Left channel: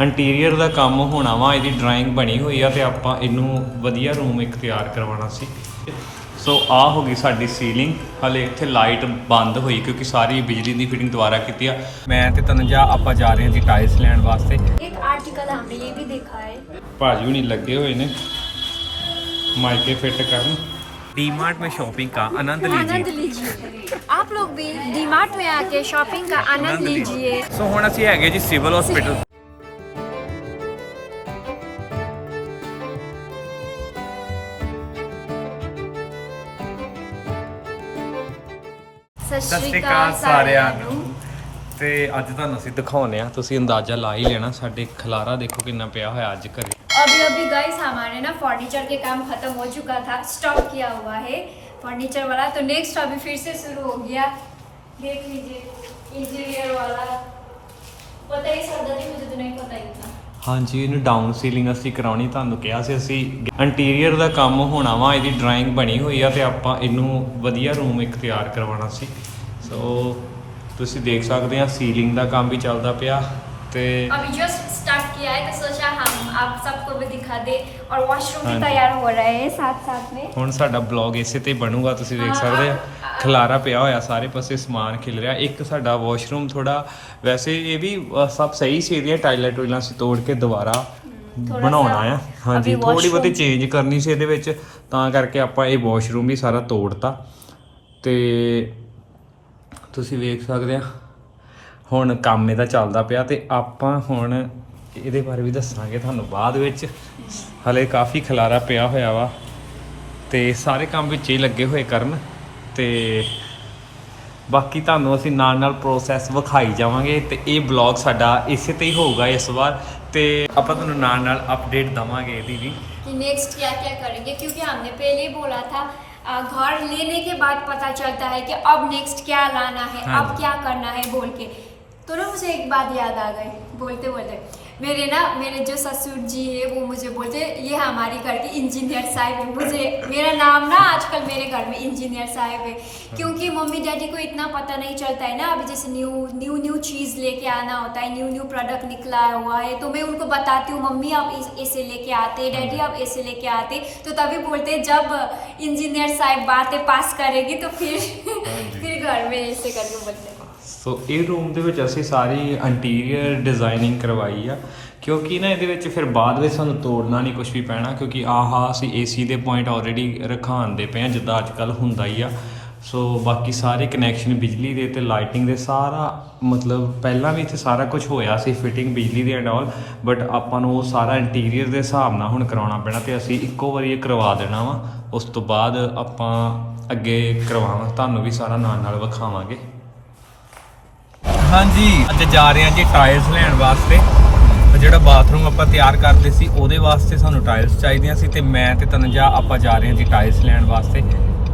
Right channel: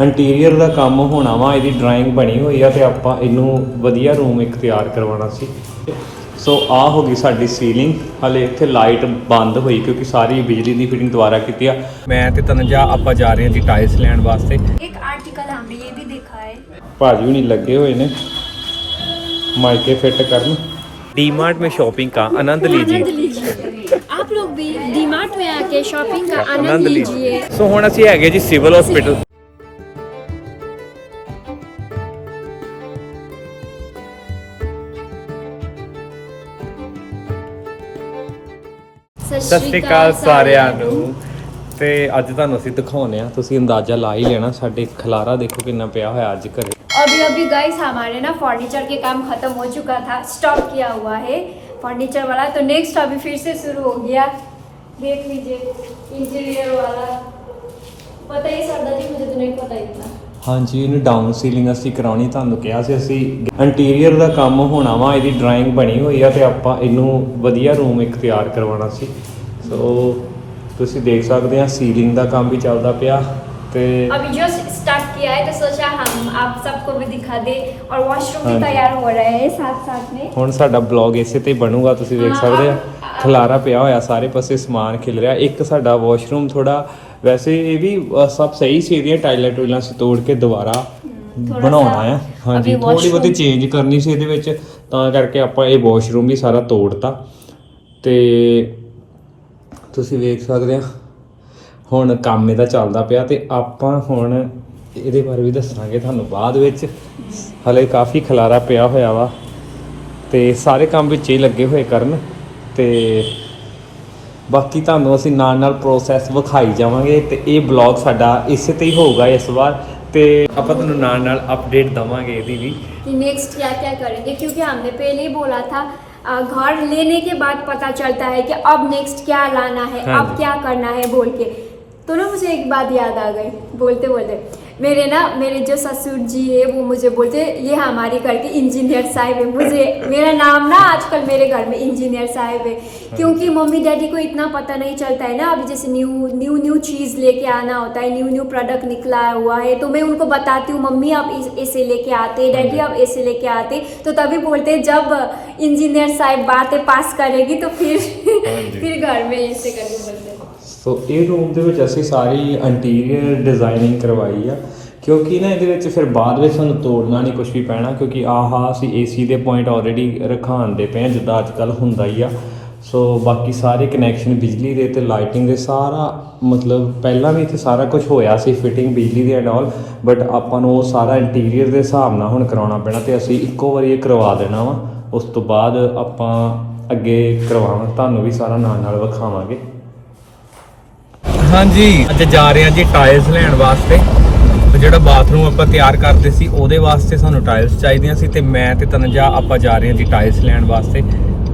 Interior ਦਾ ਕੰਮ ਹੋਣਾ ਵਾ ਇਹਦੀ ਡਰਾਇੰਗ ਬਣੀ ਹੋਈ ਆ ਤੇ ਆਪਾਂ ਇਹਨੂੰ ਵਧੀਆ ਰੂਮ ਇੱਕ ਤਿਆਰ ਕਰਵਾਉਣਾ ਸੀ। ਸੋ ਆ ਹੋ ਗਈ ਸਾਡੀ ਸੀਲਿੰਗ ਹਲੇ ਇੱਥੇ ਲਾਈਟ ਬੰਦ ਹੋਈ ਕਿਉਂਕਿ ਸਾਰੀ ਬਿਜਲੀ ਦੀ ਫਿਟਿੰਗ ਦੁਬਾਰਾ ਕੀਤੀ ਆ। ਮੈਂ ਤੇ ਤਨਜਾ ਆਪਾਂ ਜਾ ਰਹੇ ਹਾਂ ਜੀ ਟਾਇਲਸ ਲੈਣ ਵਾਸਤੇ। ਇੱਕ ਆਰਟੀਕਲ ਹਮਨੇ ਇਹ ਵੀ ਦੇਖਾ ਹੈ। ਭਾਜੀ ਹੁਣੀ ਲੱਗੇ ਹੋਏ ਨੇ। ਮਾਈਕੇ ਫਿੱਟ ਕਰਨ। डीमार्ट में शॉपिंग का आनंद लीजिए आप लोग भी डीमार्ट में आके शॉपिंग का आनंद लीजिए सो so, हुन ਅਸੀਂ ਹੈਗੇ ਜੀ ਸਿਵਲ ਹਸਪੀਟਲ ਸਤਿ ਸ਼੍ਰੀ ਅਕਾਲ ਸਾਰਿਆਂ ਨੂੰ ਤੇ ਅੱਜ ਤੁਹਾਨੂੰ ਅਸੀਂ ਦਿਖਾਉਨੇ ਆ ਤੁਸੀਂ ਅੰਦਾਜ਼ਾ ਲਾ ਹੀ ਲੈਣਾ ਸਾਡੇ ਖਲਾਰਾ ਦੇਖੋ ਕਿੰਨਾ ਪਿਆ ਹੋਇਆ ਅੱਜ ਘਰੇ अभी अभी गाइस हमारे ना फर्नीचर के काम खत्म हो चुका था स्टॉप किया हुआ है फर्नीचर वाला तो नेक्स्ट अभी फिर से शुरू हो गया देख लीजिए इंटीरियर वाला पता ही सरदार जी मुझे तो नहीं पता इतना ਹਾਂਜੀ ਇਹਨੂੰ ਡਾਊਨ ਸੀਲਿੰਗ ਅਸੀਂ ਕਰਾਉਣੀ ਤੁਹਾਨੂੰ ਕਿਹਾ ਸੀ ਅਸੀਂ ਇੰਟੀਰੀਅਰ ਦਾ ਕੰਮ ਹੋਣਾ ਵਾ ਇਹਦੀ ਡਰਾਇੰਗ ਬਣੀ ਹੋਈ ਆ ਤੇ ਆਪਾਂ ਇਹਨੂੰ ਵਧੀਆ ਰੂਮ ਇੱਕ ਤਿਆਰ ਕਰਵਾਉਣਾ ਸੀ ਸੋ ਤੁਸੀਂ ਦੇਖ ਸਕਦੇ ਆ ਸੀਲਿੰਗ ਦਾ ਕੰਮ ਵੀ ਚੱਲਦਾ ਪਿਆ ਤੇ अभी जस्ट स्टार्ट किया है तो सोचा हम आप सबको भी दिखा दे और वॉशरूम हाँ भी जी। तैयार हो रहे हैं साथ साथ में ਹੁਣ ਸਾਡਾ ਬਲੌਗ ਇਸੇ ਤੇ ਹੀ ਬਣੂਗਾ ਤੁਸੀਂ ਦੇਖ ਸਕਦੇ ਆ ਖਲਾਰਾ ਪਿਆ ਹੋਇਆ ਸਾਰੇ ਪਾਸੇ ਸਮਾਨ ਖਿਲ ਰਿਹਾ ਇੱਕ ਸਾਡਾ ਵਾਸ਼ਰੂਮ ਥੋੜਾ ਵੈਸੇ ਇਹ ਵੀ ਅ, ਸਭ ਸਹੀ ਸੀ ਇਹਦੀਆਂ ਟਾਇਲਾਂ ਟੂਇਲਾਂ ਸੀ ਤੋੜ ਕੇ ਦੁਬਾਰਾ ਥੋੜਾ ਬਣਾਉਣਾ ਸਾ ਆ ਹਾਂਜੀ ਅਭੀ ਥੋੜੀ ਬਹੁਤੀ washroom- ਚੇਂਜ ਕਰਨੀ ਸੀ ਇਹਦੇ ਵਿੱਚ ਤਾਂ ਕਰਕੇ ਆਪਾਂ ਇਹ ਵਾਸ਼ਰੂਮ ਵੀ ਸਾਰਾ ਤੋੜਤਾ ਤੇ ਤੁਸੀਂ ਵੇਖ ਸਕਦੇ ਆ। ਹੁਣ ਕੰਮ ਇਹਦਾ ਚੱਲਦਾ ਪਿਆ ਤੇ ਆਪਾਂ ਹੁਣ ਇਹਦੇ ਬਾਰੇ ਵੀ ਦੱਸਾਂਗੇ ਤੁਹਾਨੂੰ ਬਾਅਦ ਵਿੱਚ। ਹਲੇ ਕਾਫੀ ਖਲਾਰਾ ਪਿਆ ਹੋਇਆ ਵਾ ਤੇ ਸਾਰੇ ਕੰਮ ਵਿੱਚ ਹੀ ਲੱਗੇ ਹੋਏ ਕਰਨ ਤੇ ਬਾਕੀ ਤੁਹਾਨੂੰ ਅਸੀਂ ਨਾਲ ਨਾਲ ਪ੍ਰੋਸੈਸ ਵਿਖਾਈ ਜਾਵਾਂਗੇ ਤੇ ਇਹ ਬਲੌਗ ਸਾਡਾ ਇਸੇ ਤੇ ਹੀ ਹੋਊਗਾ ਇਸ ਵਾਰ ਤੇ ਆਪਾਂ ਤੁਹਾਨੂੰ ਨਾਲ ਨਾਲ ਅਪਡੇਟ ਦਵਾਂਗੇ ਇਹਦੀ ਵੀ। ਕਿ ਨੈਕਸਟ ਕੀ ਕੀ ਕਰਾਂਗੇ? ਕਿਉਂਕਿ ਹਮਨੇ ਪਹਿਲੇ ਹੀ ਬੋਲਾ ਥਾ घर लेने के बाद पता चलता है कि अब नेक्स्ट क्या लाना है हाँ अब जी। क्या करना है बोल के तो ना मुझे एक बात याद आ गई बोलते बोलते। मेरे ना मेरे जो ससुर जी है वो मुझे बोलते ये हमारे घर के इंजीनियर साहब है। मुझे मेरा नाम ना आजकल मेरे घर में इंजीनियर साहब है। क्योंकि मम्मी डैडी को इतना पता नहीं चलता है ना अभी जैसे न्यू न्यू न्यू चीज़ लेके आना होता है न्यू न्यू प्रोडक्ट निकला हुआ है तो मैं उनको बताती हूँ मम्मी आप ऐसे लेके आते डैडी आप ऐसे लेके आते तो तभी बोलते जब इंजीनियर साहब बातें पास करेगी तो फिर फिर घर में ऐसे करके बोलते हैं। ਸੋ ਇਹ ਰੂਮ ਦੇ ਵਿੱਚ ਅਸੀਂ ਸਾਰੀ ਇੰਟੀਰੀਅਰ ਡਿਜ਼ਾਈਨਿੰਗ ਕਰਵਾਈ ਆ, ਕਿਉਂਕਿ ਨਾ ਇਹਦੇ ਵਿੱਚ ਫਿਰ ਬਾਅਦ ਵਿੱਚ ਸਾਨੂੰ ਤੋੜਨਾ ਨਹੀਂ ਕੁਝ ਵੀ ਪੈਣਾ, ਕਿਉਂਕਿ ਆਹਾ ਅਸੀਂ ਏਸੀ ਦੇ ਪੁਆਇੰਟ ਆਲਰੇਡੀ ਰਖਾਉਂਦੇ ਪਏ ਆ, ਜਿੱਦਾਂ ਅੱਜ ਕੱਲ ਹੁੰਦਾ ਹੀ ਆ। ਸੋ ਬਾਕੀ ਸਾਰੇ ਕਨੈਕਸ਼ਨ ਬਿਜਲੀ ਦੇ ਤੇ ਲਾਈਟਿੰਗ ਦੇ ਸਾਰਾ, ਮਤਲਬ ਪਹਿਲਾਂ ਵੀ ਇੱਥੇ ਸਾਰਾ ਕੁਝ ਹੋਇਆ ਸੀ ਫਿਟਿੰਗ ਬਿਜਲੀ ਦੀ ਐਂਡ ਆਲ ਬਟ ਆਪਾਂ ਨੂੰ ਉਹ ਸਾਰਾ ਇੰਟੀਰੀਅਰ ਦੇ ਹਿਸਾਬ ਨਾਲ ਹੁਣ ਕਰਾਉਣਾ ਪੈਣਾ ਤੇ ਅਸੀਂ ਇੱਕੋ ਵਾਰੀ ਇਹ ਕਰਵਾ ਦੇਣਾ ਵਾ। ਉਸ ਤੋਂ ਬਾਅਦ ਆਪਾਂ ਅੱਗੇ ਕਰਵਾਵਾਂ ਤੁਹਾਨੂੰ ਵੀ ਸਾਰਾ ਨਾਲ ਨਾਲ ਵਿਖਾਵਾਂਗੇ। ਹਾਂਜੀ ਅੱਜ ਜਾ ਰਹੇ ਹਾਂ ਜੀ ਟਾਇਲਸ ਲੈਣ ਵਾਸਤੇ ਤੇ ਜਿਹੜਾ ਬਾਥਰੂਮ ਆਪਾਂ ਤਿਆਰ ਕਰਦੇ ਸੀ ਉਹਦੇ ਵਾਸਤੇ ਸਾਨੂੰ ਟਾਇਲਸ ਚਾਹੀਦੀਆਂ ਸੀ ਤੇ ਮੈਂ ਤੇ ਤਨਜਾ ਆਪਾਂ ਜਾ ਰਹੇ ਹਾਂ ਜੀ ਟਾਇਲਸ ਲੈਣ ਵਾਸਤੇ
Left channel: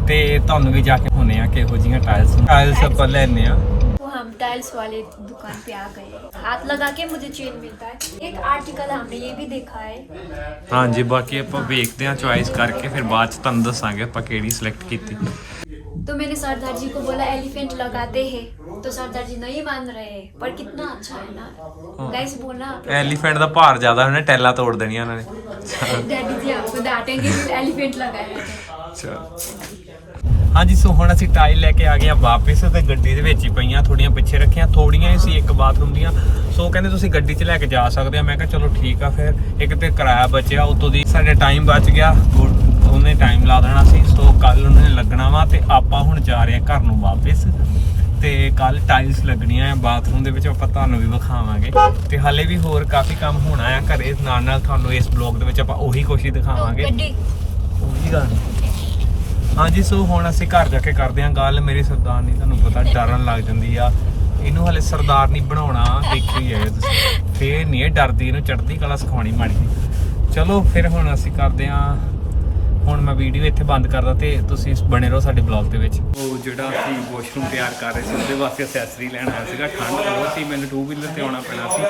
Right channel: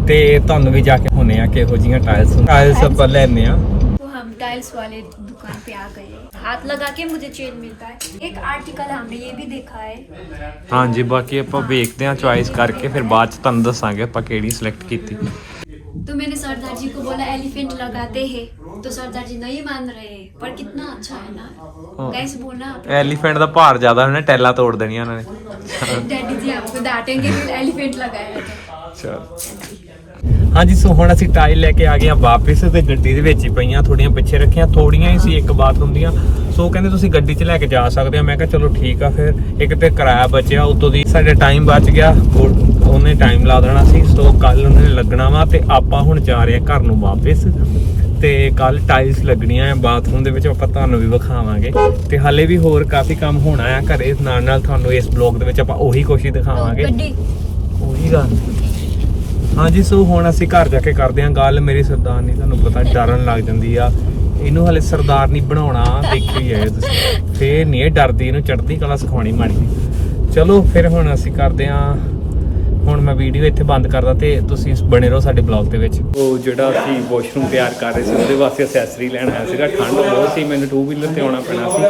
ਤੇ ਤੁਹਾਨੂੰ ਵੀ ਜਾ ਕੇ ਹੁਣੇ ਆ ਕਿਹੋ ਜੀਆਂ ਟਾਇਲਸ ਟਾਇਲਸ ਆਪਾਂ ਲੈਣੇ ਆ तो हम टाइल्स वाले दुकान पे आ गए हैं हाथ लगा के मुझे चेन मिलता है एक आर्टिकल हमने ये भी देखा है ਹਾਂਜੀ ਬਾਕੀ ਆਪਾਂ ਵੇਖਦੇ ਹਾਂ ਚੁਆਇਸ ਕਰਕੇ ਫਿਰ ਬਾਅਦ ਚ ਤੁਹਾਨੂੰ ਦੱਸਾਂਗੇ ਆਪਾਂ ਕਿਹੜੀ ਸਿਲੈਕਟ ਕੀਤੀ तो मैंने सरदार जी को बोला एलिफेंट लगाते हैं तो सरदार जी नहीं मान रहे पर कितना अच्छा है ना गाइस बोलना एलिफेंट का भार ज्यादा होना टैला तोड़ देनिया उन्होंने डैडी जी आपको डांटेंगे एलिफेंट लगाया चल ਹਾਂਜੀ ਸੋ ਹੁਣ ਅਸੀਂ ਟਾਈਲ ਲੈ ਕੇ ਆ ਗਏ ਆ ਵਾਪਸ ਤੇ ਗੱਡੀ ਦੇ ਵਿੱਚ ਹੀ ਪਈਆਂ ਥੋੜੀਆਂ ਪਿੱਛੇ ਰੱਖੀਆਂ ਥੋੜੀਆਂ ਹੀ ਸੀ ਇੱਕ ਬਾਥਰੂਮ ਦੀਆਂ। ਸੋ ਕਹਿੰਦੇ ਤੁਸੀਂ ਗੱਡੀ 'ਚ ਲੈ ਕੇ ਜਾ ਸਕਦੇ ਆ ਮੈਂ ਕਿਹਾ ਚਲੋ ਠੀਕ ਆ ਫਿਰ ਇੱਕ ਤੇ ਕਿਰਾਇਆ ਬਚਿਆ ਉਤੋਂ ਦੀ ਸਾਡੇ ਟਾਈਮ ਬਚ ਗਿਆ ਉਹਨੇ ਟਾਈਮ ਲਾ ਦੇਣਾ ਸੀ। ਸੋ ਕੱਲ ਉਹਨੇ ਲੱਗਣਾ ਵਾ ਤੇ ਆਪਾਂ ਹੁਣ ਜਾ ਰਹੇ ਆ ਘਰ ਨੂੰ ਵਾਪਸ। ਤੇ ਕੱਲ ਟਾਈਲਸ ਲੱਗਣੀਆਂ ਆ ਬਾਥਰੂਮ ਦੇ ਵਿੱਚ ਆਪਾਂ ਤੁਹਾਨੂੰ ਵੀ ਵਿਖਾਵਾਂਗੇ। ਤੇ ਹਾਲੇ ਵੀ ਹੋਰ ਕਾਫੀ ਕੰਮ ਹੋਣਾ ਆ ਘਰੇ। ਨਾਲ ਨਾਲ ਤੁਹਾਨੂੰ ਇਸ ਬਲੌਗ ਦੇ ਵਿੱਚ ਆਪਾਂ ਉਹੀ ਕੋਸ਼ਿਸ਼ ਦਿਖਾਵਾਂਗੇ। ਉਹੀ ਗੱਲ। ਹਾਂਜੀ, ਸੋ ਹੁਣ ਅਸੀਂ ਘਰ ਜਾ ਕੇ ਕਰਦੇ ਹਾਂ ਗੱਲ। ਮੇਰੀ ਸਰਦਾਰਨੀ ਤੁਹਾਨੂੰ ਪਤਾ ਡਰਨ ਲੱਗ ਜਾਂਦੀ ਆ। ਇਹਨੂੰ ਹਲੇ ਸਰਦਾਰਨੀ ਬਣਾਉਣਾ ਦੇਖਿਓ ਹੀ ਆਏ ਤੁਸੀਂ। ਫੇਰ ਨਹੀਂ ਇਹ ਡਰਦੀ, ਇਹਨੂੰ ਚੜ੍ਹਦੀ ਕਲਾ ਸਿਖਾਉਣੀ, ਮਾੜੀ ਚਲੋ, ਫਿਰ ਹੁਣ ਅਸੀਂ ਕਰਦੇ ਹਾਂ ਹੁਣ ਮੈਂ ਵੀਡੀਓ ਇੱਥੇ ਬੰਦ ਕਰਦਾ ਤੇ ਤੁਸੀਂ ਬਣੇ ਰਹੋ ਸਾਡੇ ਬਲੌਗ ਦੇ ਵਿੱਚ। ਉਹ ਜਿਹੜਾ ਅਸੀਂ ਵਾਸ਼ਰੂਮ ਤਿਆਰ ਕਰ ਰਹੇ ਸੀ, ਉਹਦੇ ਵਾਸਤੇ ਅਸੈਸਰੀ ਲੈਣ ਆਇਆ ਸੀਗਾ। ਠੰਡ ਬਹੁਤ ਸੀ, ਮੈਨੂੰ ਟੂ ਵੀਲਰ ਤੇ ਆਉਣਾ ਪੈਣਾ ਸੀ।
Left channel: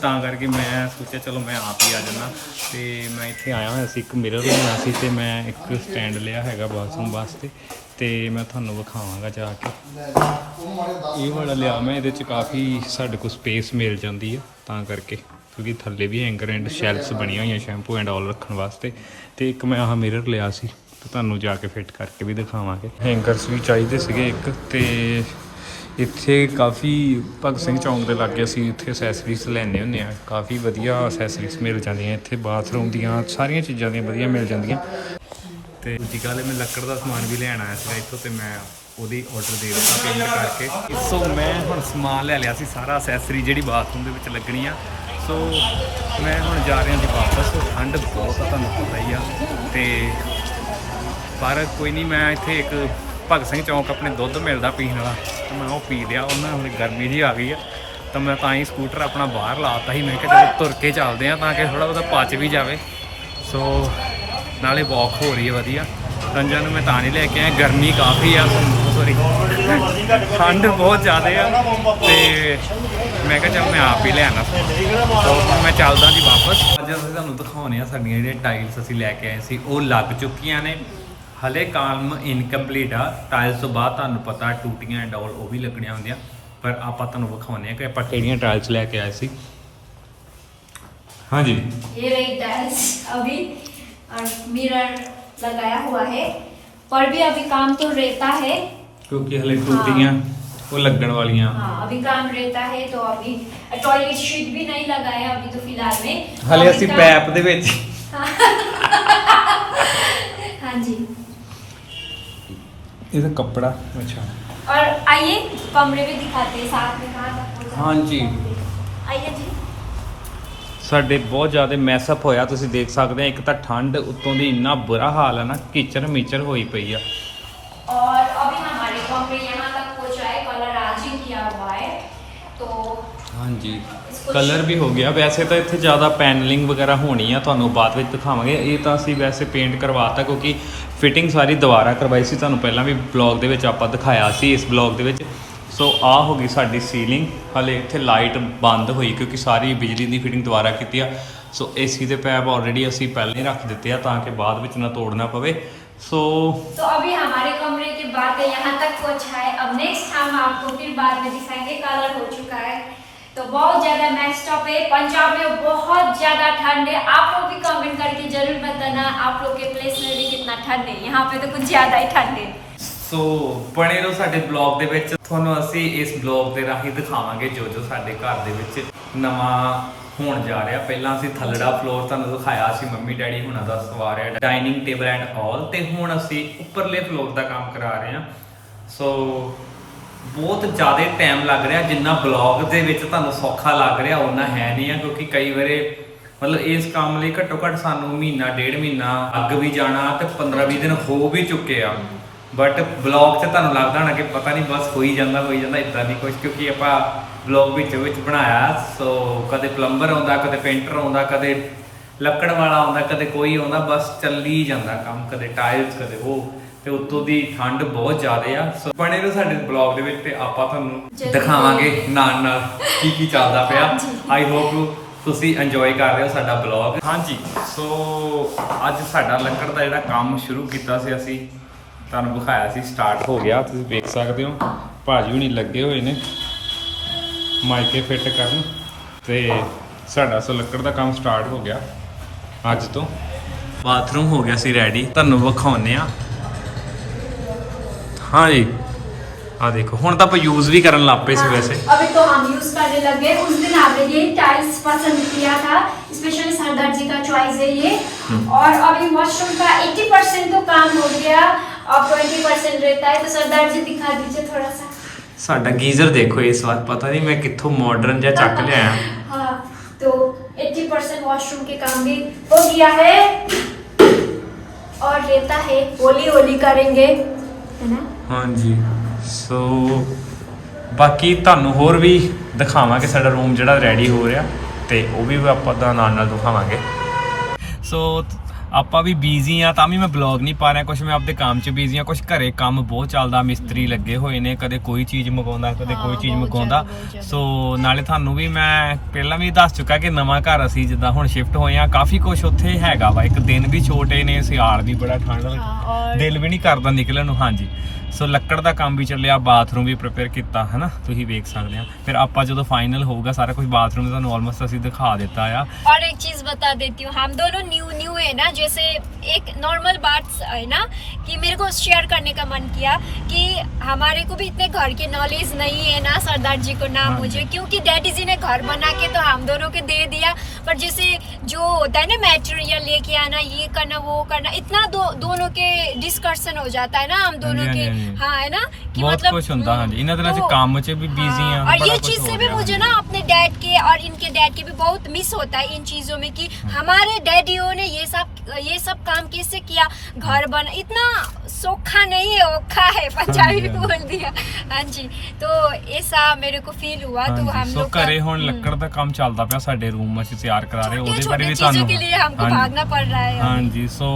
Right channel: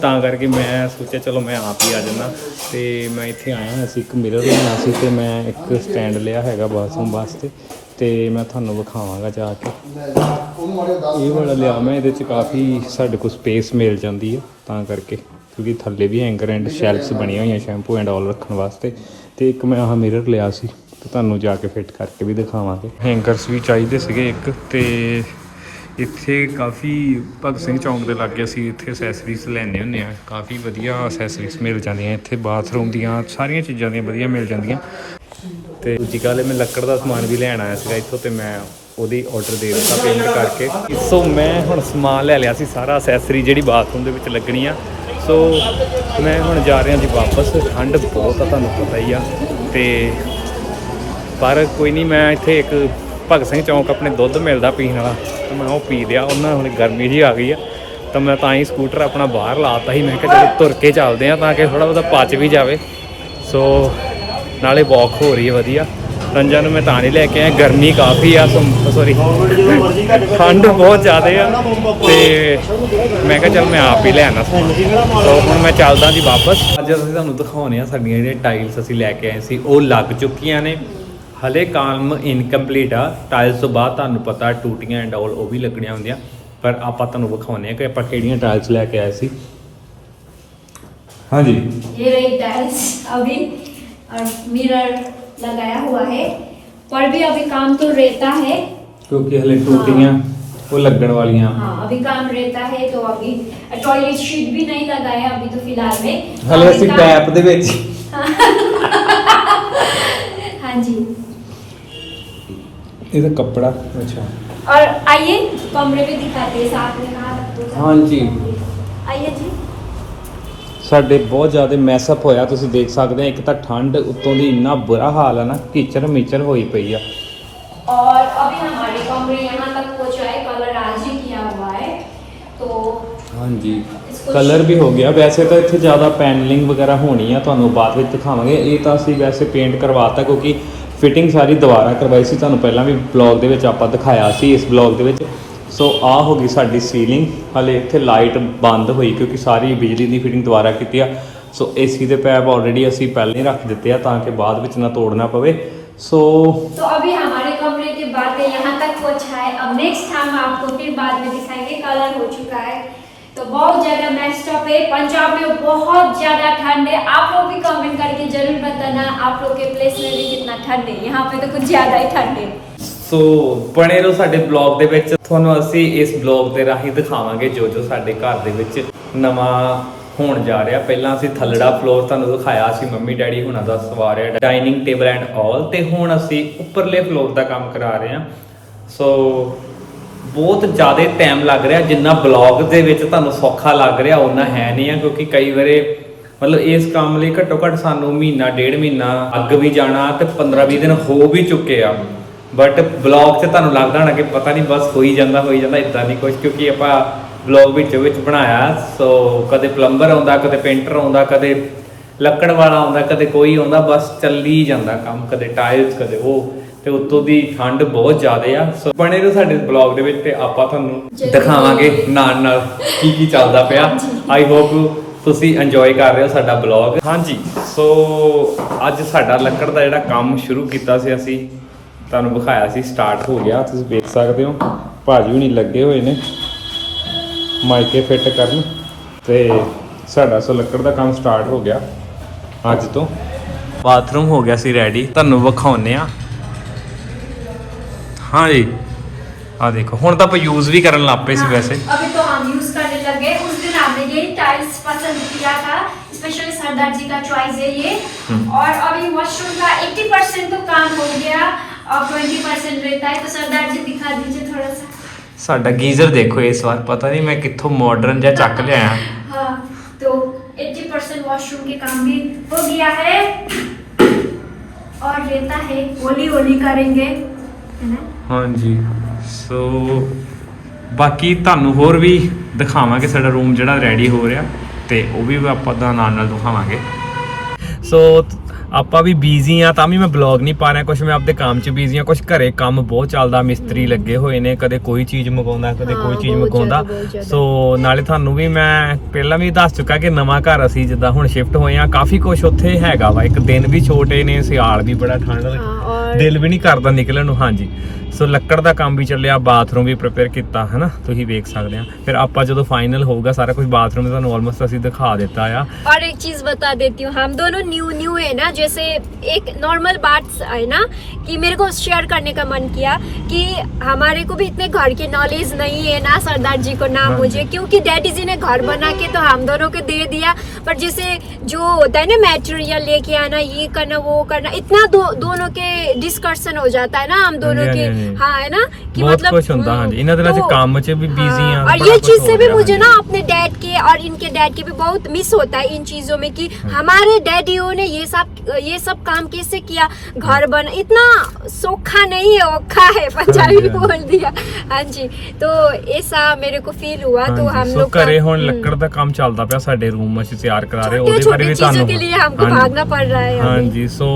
ਤਾਂ ਕਰਕੇ ਮੈਂ ਸੋਚਿਆ, ਚਲੋ ਮੈਂ ਆਪ ਹੀ ਆ ਜਾਣਾ ਤੇ ਮੈਂ ਇੱਥੇ ਆਇਆ ਹੋਇਆ ਸੀ ਇੱਕ ਮਿਰਰ ਲੈਣਾ ਸੀ ਤੇ ਮੈਂ ਇੱਕ ਸਟੈਂਡ ਲਿਆ ਹੈਗਾ ਬਾਥਰੂਮ ਵਾਸਤੇ। ਤੇ ਮੈਂ ਤੁਹਾਨੂੰ ਵਿਖਾਵਾਂਗਾ ਜਾ ਕੇ। ਇਹ ਵਾਲਾ ਲਿਆ ਮੈਂ, ਇਹਦੇ ਚ ਕਾਫੀ ਸਾਡੇ ਕੋਲ ਸਪੇਸ ਮਿਲ ਜਾਂਦੀ ਹੈ ਤਾਂ ਕਰਕੇ। ਕਿਉਂਕਿ ਥੱਲੇ ਵੀ ਹੈਂਗਰ ਐਂਡ ਸ਼ੈਲਫਸ ਬਣੀਆਂ ਹੋਈਆਂ ਸ਼ੈਂਪੂ ਐਂਡ ਆਲ ਰੱਖਣ ਵਾਸਤੇ। ਤੇ ਇੱਕ ਮੈਂ ਆਹ ਮਿਰਰ ਲਿਆ ਸੀ, ਤੇ ਤੁਹਾਨੂੰ ਜਾ ਕੇ ਫਿੱਟ ਕਰਕੇ ਵੀ ਦਿਖਾਵਾਂਗੇ। ਹੈਂਗਰਸ ਵੀ ਚਾਹੀਦੇ ਸੀਗੇ ਇੱਕ, ਤੇ ਇੱਥੇ ਕਾਫੀ ਭਗਤ ਸਿੰਘ ਚੌਂਕ ਦੇ ਲਾਗੇ ਅਸੀਂ ਇੱਥੇ ਅਸੈਸਰੀਜ਼ ਲੈਣੇ ਹੁੰਦੇ ਆ ਕਾਫੀ ਵਧੀਆ ਅਸੈਸਰੀਜ਼ ਮਿਲ ਜਾਂਦੀਆਂ, ਇੱਥੇ ਬਾਥਰੂਮ ਦੀਆਂ ਸਾਰੀਆਂ ਚੀਜ਼ਾਂ ਦੀਆਂ ਵਧੀਆ ਮਿਲ ਜਾਂਦੀਆਂ। ਤੇ ਦੂਜੀ ਗੱਲ ਇਹ ਮੈਂ ਲੱਕੜ ਦਾ ਸਮਾਨ ਵੀ ਲੈਣ ਆਇਆ ਸੀਗਾ ਇੱਥੋਂ, ਤੇ ਮੈਂ ਉਹਦੀ ਆਰਡਰ ਦੇ ਦਿੱਤਾ ਪੇਮੈਂਟ ਕਰਕੇ। ਸੋ ਮੈਂ ਹੁਣ ਸਮਾਨ ਲੈ ਲਿਆ ਸੀ, ਸਾਰਾ ਅਸੈਸਰੀ ਜਿਹੜੀ ਬਾਥਰੂਮ ਦੇ ਵਿੱਚ ਲੱਗਣੀ ਆ। ਸੋ ਮੈਂ ਹੁਣ ਜਾ ਰਿਹਾ ਜੀ ਵਾਪਸ। ਠੰਡ ਬਹੁਤ ਆ, ਤੁਹਾਨੂੰ ਪਤਾ ਹੀ ਆ। ਤੇ ਪਰ ਕੋਈ ਨਹੀਂ, ਮੈਂ ਇੱਥੇ ਇੱਕ ਭਗਤ ਸਿੰਘ ਚੌਂਕ ਆਪਣੇ ਦੁੱਧ ਮਿਲਦਾ ਪੀਣ ਵਾਲਾ। ਤਾਂ ਮੈਂ ਉਹ ਪੀ ਲਿਆ, ਉਹਨਾਂ ਹੁਣ ਗਰਮੀ ਜੀ ਆ ਗਈ ਆ। ਤਾਂ ਮੈਂ ਤਾਂ ਹੀ ਸਕੂਟਰ ਆਪਣਾ ਬਾਹਰ ਲਾਤਾ ਸੀ। ਮੈਂ ਕਿਹਾ ਚਲੋ ਤੁਰ ਕੇ ਚੱਲਦੇ ਆ ਤਾਂ ਕਿ ਥੋੜਾ ਉਹਦਾ ਪਚ ਵੀ ਜਾਵੇ। ਸੋ ਨਾਲੇ ਵਾਕ ਹੋ ਰਹੀ ਹੈ ਵਧੀਆ। ਰੰਜਾ ਨੂੰ ਮੈਂ ਤਾਂ ਨਹੀਂ ਲੈ ਕੇ ਆਇਆ, ਗਰਮੀ ਕਾਫੀ ਆ ਸੌਰੀ ਠੰਡ ਬਹੁਤ ਜ਼ਿਆਦਾ ਆ, ਤੇ ਮੈਂ ਕਿਹਾ ਚਲ ਮੈਂ ਆਪ ਹੀ ਲੈ ਆਣਾ ਸੋ ਹੁਣ ਮੈਂ ਚੱਲਦਾ ਜੀ ਵਾਪਸ। ਅੱਜ ਅਸੀਂ ਤੁਹਾਨੂੰ ਦਿਖਾਉਣੇ ਆ ਸਾਡੀਆਂ ਜਿਹੜੀਆਂ ਟਾਈਲਸ ਅਸੀਂ ਲੈ ਕੇ ਆਏ ਸੀ, ਉਹ ਲੱਗ ਚੁੱਕੀਆਂ ਨੇ। ਹਲੇ ਕਾਲਮ ਇਨਕੰਪਲੀਟ ਆ, ਟਾਈਲਸ ਤੋਂ ਬਾਅਦ ਤੁਹਾਨੂੰ ਪਤਾ ਟੂਟੀਆਂ ਐਂਡ ਆਲ ਉਹ ਵੀ ਲੱਗਣੀਆਂ ਹੁੰਦੀਆਂ, ਪਰ ਆਪਾਂ ਤੁਹਾਨੂੰ ਵਿਖਾਉਣੇ ਆ ਕਿ ਆਪਾਂ ਕਿਹੜੀਆਂ ਟਾਈਲਸ ਲੈ ਕੇ ਆਏ ਸੀ। ਹਾਂਜੀ। ਇਹ ਰਹੀ ਟਾਈਲਸ ਅਭੀ ਮਿਰਰ लगाया हुआ है पर भी अभी काम तो रहता है ਕਿਉਂਕਿ ਹਲੇ ਟੂਟੀਆਂ ਉਹ ਲੱਗਣ ਵਾਲੀਆਂ हाँ अभी काम रहता है तो अभी टॉयलेट शीट भी नहीं लगाया अभी तो फिलहाल में ਹਲੇ अभी ਅਸੀਂ काम- ਪੈਪ ਦੇ ਵਿੱਚ हाँ जी ਇਹਦਾ ਕੱਪੜਾ ਅੱਛਾ और आइए कमरे में दिखाते हैं साथ में कहाँ तक पहुंचा। हाँ जी। आइए जी ਸਾਡੇ ਬਹੁਤ ਜ਼ਿਆਦਾ ਮੈਸਅਪ ਹੋਇਆ ਤੁਸੀਂ ਦੇਖ ਸਕਦੇ ਆ ਇੱਕ ਤਾਂ ਠੰਡ ਉੱਤੋਂ ਦੀ ਇੰਨਾ ਬੁਰਾ ਹਾਲ ਹੈ ਨਾ ਕੀਚਰ ਮੀਚਰ ਹੋਈ ਪਈ ਆ और अभी हमारे कमरे यहाँ तक पहुंचा है कलर आज ही किया हुआ है तो ਹਾਂਜੀ ਕਲਰ ਵੀ ਹੋ ਗਿਆ ਵੈਸੇ ਤਾਂ ਇੱਥੇ ਜ਼ਿਆਦਾ ਪੈਨਲਿੰਗ ਵਗੈਰਾ ਹੋਣੀ ਆ ਤੁਹਾਨੂੰ ਬਾਅਦ ਵਿੱਚ ਦਿਖਾਵਾਂਗੇ ਇਹ ਤਾਂ ਅਸੀਂ ਵੈਸੇ ਪੇਂਟ ਕਰਵਾਤਾ ਕਿਉਂਕਿ ਫਿਟਿੰਗ ਸਾਰੀ ਦੁਬਾਰਾ ਕਰਵਾਈ ਸੀ ਤੁਹਾਨੂੰ ਪਹਿਲਾਂ ਵੀ ਬਲੌਗ ਦੇ ਵਿੱਚ ਆਪਾਂ ਦਿਖਾਇਆ ਸੀ ਇਸ ਬਲੌਗ ਦੇ ਵਿੱਚ ਸੋ ਆ ਹੋ ਗਈ ਸਾਡੀ ਸੀਲਿੰਗ ਹਲੇ ਇੱਥੇ ਲਾਈਟ ਬੰਦ ਹੋਈ ਕਿਉਂਕਿ ਸਾਰੀ ਬਿਜਲੀ ਦੀ ਫਿਟਿੰਗ ਦੁਬਾਰਾ ਕੀਤੀ ਆ ਸੋ ਏਸੀ ਦੇ ਪੈਪ ਆਲਰੇਡੀ ਅਸੀਂ ਪਹਿਲਾਂ ਹੀ ਰੱਖ ਦਿੱਤੇ ਆ ਤਾਂ ਕਿ ਬਾਅਦ ਵਿੱਚ ਨਾ ਤੋੜਨਾ ਪਵੇ ਸੋ तो अभी हमारे कमरे की बातें यहाँ तक पहुँचा है अब नेक्स्ट हम आपको फिर बाद में दिखाएंगे कलर हो चुका है तो बहुत ज़्यादा मैक्स टॉप है पंजाब में बहुत ज़्यादा ठंड है आप लोग भी कमेंट करके जरूर बताना आप लोग के प्लेस में भी कितना ठंड है यहाँ पे तो कुछ ज़्यादा ही ठंड है ਸੋ ਬਣੇ ਰਹੋ ਸਾਡੇ ਬਲੌਗ ਦੇ ਵਿੱਚ। ਤੁਹਾਨੂੰ ਅਸੀਂ ਇਸ ਬਲੌਗ ਦੇ ਰਾਹੀਂ ਦਿਖਾਵਾਂਗੇ ਜੋ ਜੋ ਸਾਡੇ ਘਰ ਦੇ ਵਿੱਚ ਨਵਾਂ ਹੋਣ ਜਾ ਰਿਹਾ। ਪਹਿਲਾਂ ਅਸੀਂ ਥੱਲੜਾ ਫਲੋਰ ਤੁਹਾਨੂੰ ਦਿਖਾਇਆ ਸੀ, ਮੰਮੀ ਡੈਡੀ ਹੁਣਾਂ ਦਾ ਸਵਾਰਿਆ ਡਾਈਨਿੰਗ ਟੇਬਲ ਐਂਡ ਆਲ ਤੇ ਹੁਣ ਅਸੀਂ ਉੱਪਰਲੇ ਫਲੋਰ ਦਾ ਕੰਮ ਕਰਾ ਰਹੇ ਹਾਂ। ਸੋ ਬਹੁਤ ਜ਼ਿਆਦਾ ਟਾਈਮ ਲੱਗ ਰਿਹਾ, ਜਿੰਨਾ ਬਲੌਗ ਦੇ ਵਿੱਚ ਤੁਹਾਨੂੰ ਸੌਖਾ ਲੱਗ ਰਿਹਾ ਉਹਨਾਂ ਹੈ ਨਹੀਂ ਆ, ਕਿਉਂਕਿ ਕਈ ਵਾਰੇ ਮਤਲਬ ਇਸ ਕੰਮ ਲਈ ਘੱਟੋ ਘੱਟ ਸਾਨੂੰ ਮਹੀਨਾ, ਡੇਢ ਮਹੀਨਾ ਅੱਗ ਵੀ ਜਾਣਾ ਤੇ 15 20 ਦਿਨ ਹੋ ਵੀ ਚੁੱਕੇ ਆ। ਬਟ ਬਲੌਗ 'ਚ ਤੁਹਾਨੂੰ ਲੱਗਦਾ ਹੋਣਾ ਕਿ ਪਤਾ ਨਹੀਂ ਬਸ ਹੋਈ ਜਾਂਦਾ ਹੋਈ ਜਾਂਦਾ ਇਦਾਂ ਨਹੀਂ ਕੁਝ ਕਿਉਂਕਿ ਆਪਾਂ ਬਲੌਗ ਵਿੱਚ ਵਿੱਚ ਬਣਾਇਆ ਸੋ ਕਦੇ ਪਲੰਬਰ ਆਉਂਦਾ ਕਦੇ ਪੇਂਟਰ ਆਉਂਦਾ ਕਦੇ ਲੱਕੜ ਵਾਲਾ ਆਉਂਦਾ ਕਦੇ ਕੋਈ ਆਉਂਦਾ ਬਸ ਚੱਲੀ ਜਾਂਦਾ ਕੰਮ ਕਦੇ ਟਾਇਲਸ ਕਦੇ ਉਹ ਤੇ ਉੱਤੋਂ ਦੀ ਠੰਡ ਬਹੁਤ ਜ਼ਿਆਦਾ ਆ ਸੋ ਬਣੇ ਰਹੋ ਸਾਡੇ ਬਲੌਗ ਦੇ ਵਿੱਚ ਤੇ ਆਪਾਂ ਤੁਹਾਨੂੰ। ਦਿਖਾਵਾਂਗੇ ਨਾਲ ਨਾਲ ਕੀ ਕੀ ਚੱਲਦਾ ਪਿਆ। ਆਈ ਹੋਪ ਤੁਸੀਂ ਇੰਜੋਏ ਕਰ ਰਹੇ ਹੋ ਸਾਡਾ ਬਲੌਗ ਹਾਂਜੀ ਸੋ ਅੱਜ ਸਾਡਾ ਲੱਕੜ ਦਾ ਜਿਹੜਾ ਕੰਮ ਸ਼ੁਰੂ ਕੀਤਾ ਸੀ ਅਸੀਂ ਤੁਹਾਨੂੰ ਵਿਖਾਇਆ ਸੀ ਸਟਾਰਟ ਹੋ ਗਿਆ ਤੁਸੀਂ ਵੇਖ ਸਕਦੇ ਹੋ ਭਾਜੀ ਹੁਣੀ ਲੱਗੇ ਹੋਏ ਨੇ ਮਾਈਕੇ ਫਿੱਟ ਕਰਨ ਤੇ ਸਾਡਾ ਸੋ ਲੱਕੜ ਦਾ ਕੰਮ ਸਟਾਰਟ ਹੋ ਗਿਆ ਅੱਜ ਤੋਂ ਬਾਥਰੂਮ ਹੋ ਗਿਆ ਸੀ ਰੈਡੀ ਤੁਹਾਨੂੰ ਵਿਖਾਉਨੇ ਆ ਹਾਂ ਜੀ ਆ ਦੇਖੋ ਹੁਣ ਤਾਂ ਆਪਾਂ ਯੂਜ਼ ਵੀ ਕਰਨ ਲੱਗ ਪਏ ਸੀ हाँ, ਵੈਸੇ अभी तो हम यूज करने लगे उस दिन आपने ये टाइल्स पसंद किया था स्पेशली सरदार जी का चॉइस है ये और अभी मशरूम का 80 परसेंट तो काम हो गया और 20 परसेंट रहता है तो सरदार जी दिखा दीजिए थोड़ा सा ਸਾਡਾ ਗੀਜ਼ਰ ਦੇਖੋ ਇਸ ਵਾਰ ਪਤਾ ਨਹੀਂ ਮੈਂ ਕਿੱਥੋਂ ਮਾਡਰਨ ਜਿਹਾ ਚੱਕ ਲਿਆਇਆ हाँ तो 80 परसेंट वॉशरूम के काम भी हो गया है और रहता है होली होली करेंगे है ना ਹਾਂਜੀ ਸੋ ਬਾਕੀ ਤੁਹਾਨੂੰ ਹੋਰ ਵੀ ਦਿਖਾਵਾਂਗੇ ਸਾਡਾ ਰੂਮ ਜਿਹੜਾ ਰੈਡੀ ਹੋ ਰਿਹਾ ਤੇ ਉਹ ਵੀ ਆਪਾਂ ਦਾ ਨਾਲ ਨਾਲ ਦਿਖਾਵਾਂਗੇ ਸੋ ਆਪਾਂ ਵੀ ਬੀਜ਼ੀ ਆ ਤਾਂ ਵੀ ਮੈਂ ਬਲੌਗ ਨਹੀਂ ਪਾ ਰਿਹਾ ਕੁਛ ਮੈਂ ਆਪਦੇ ਕੰਮ 'ਚ ਬੀਜ਼ੀ ਆ ਕੁਛ ਘਰੇ ਕੰਮ ਬਹੁਤ ਚੱਲਦਾ ਮਿਸਤਰੀ ਲੱਗੇ ਹੋਏ ਨੇ ਕਦੇ ਕੋਈ ਚੀਜ਼ ਮੰਗਾਉਂਦਾ ਕਦੇ ਕੋਈ ਚੀਜ਼ ਮਗਾਉਂਦਾ। ਸੋ ਨਾਲੇ ਤੁਹਾਨੂੰ ਵੀ ਮੈਂ ਪਹਿਲਾਂ ਵੀ ਦੱਸ ਚੁੱਕਾ ਕਿ ਨਵਾਂ ਘਰ ਅਸੀਂ ਜਿੱਦਾਂ ਹੁਣ ਸ਼ਿਫਟ ਹੋਏ ਆ ਕਾਫੀ ਕੁਝ ਉੱਥੇ ਹੈਗਾ ਵਾ ਇੱਕ ਦਿਨ ਵੀ ਛੋਟੇ ਨੇ ਸਿਆਲ ਵੀ ਬੜਾ ਠੰਡ ਲੱਗਦਾ ਦਿਲ ਵੀ ਨਹੀਂ ਕਰਦਾ ਨਿਕਲਣ ਨੂੰ ਹਾਂਜੀ ਸੋ ਲੱਕੜ ਦਾ ਕੰਮ ਵੀ ਚੱਲਿਆ ਬਾਥਰੂਮ ਵੀ ਪ੍ਰਿਪੇਅਰ ਕੀਤਾ ਹੈ ਨਾ ਤੁਸੀਂ ਵੇਖ ਸਕਦੇ ਆ ਫਿਰ ਆਪਾਂ ਜਦੋਂ ਫਾਈਨਲ ਹੋਊਗਾ ਸਾਰਾ ਕੁਝ ਬਾਥਰੂਮ ਦਾ ਤੁਹਾਨੂੰ ਆਲਮੋਸਟ ਅਸੀਂ ਦਿਖਾ ਦਿੱਤਾ ਆ और एक चीज बता देती हूँ हम दोनों न्यू न्यू है ना जैसे एक नॉर्मल बात है ना कि मेरे को शेयर करने का मन किया कि हमारे को भी इतने घर की नॉलेज नहीं है ना सरदार जी को ना हाँ मुझे क्योंकि डैडी जी ने घर बना के तो हम दोनों को दे दिया पर जैसे जो होता है ना मेटेरियल लेके आना ये करना वो करना इतना दो, दोनों के डिस्कशन हो जाता है ना हम दोनों हाँ जी, के हाँ जी। हाँ है ना कि ਬਹੁਤ मतलब, ਕੁਝ ਹੁੰਦਾ हम्म, ਹਾਂਜੀ ਇਹਨਾਂ ਦਿਨਾਂ 'ਚ तो- ਕੰਮ 'ਚ ਵੀ ਬਿਜ਼ੀ ਆ हाँ, और ਬੜਾ ये ਕੁਛ चीज ਹੋ से भी ਰਿਹਾ, मुझे ਹਾਂਜੀ। ना अपने डैड के और इनके डैड के भी बहुत मिस होता है इन चीजों में कि हमारे डैडियों ने ये सब ये सब काम कैसे किया घर बन इतना सोखा नहीं है औखा है पंजाबी हाँ जी, हाँ बोल दिया हाँ जी तो ऐसा मेरे को फील हुआ तो हम ਹਾਂਜੀ ਸੋ लोग का- ਘਰੇ ਹੁਣ हम्म, ਲੱਕੜ ਦਾ ਕੰਮ ਚੱਲਦਾ ਪਿਆ ਸਾਡੇ ਰੂਮ ਅਸੀਂ ਤਿਆਰ ਕਰਾ ਰਹੇ ਉਹਦੇ छोटे ਬਾਰੇ ਵੀ छोटे चीजों ਤੁਹਾਨੂੰ के लिए हमको ਹਾਂਜੀ। भागना पड़ रहा है ਹਾਂਜੀ ਸੋ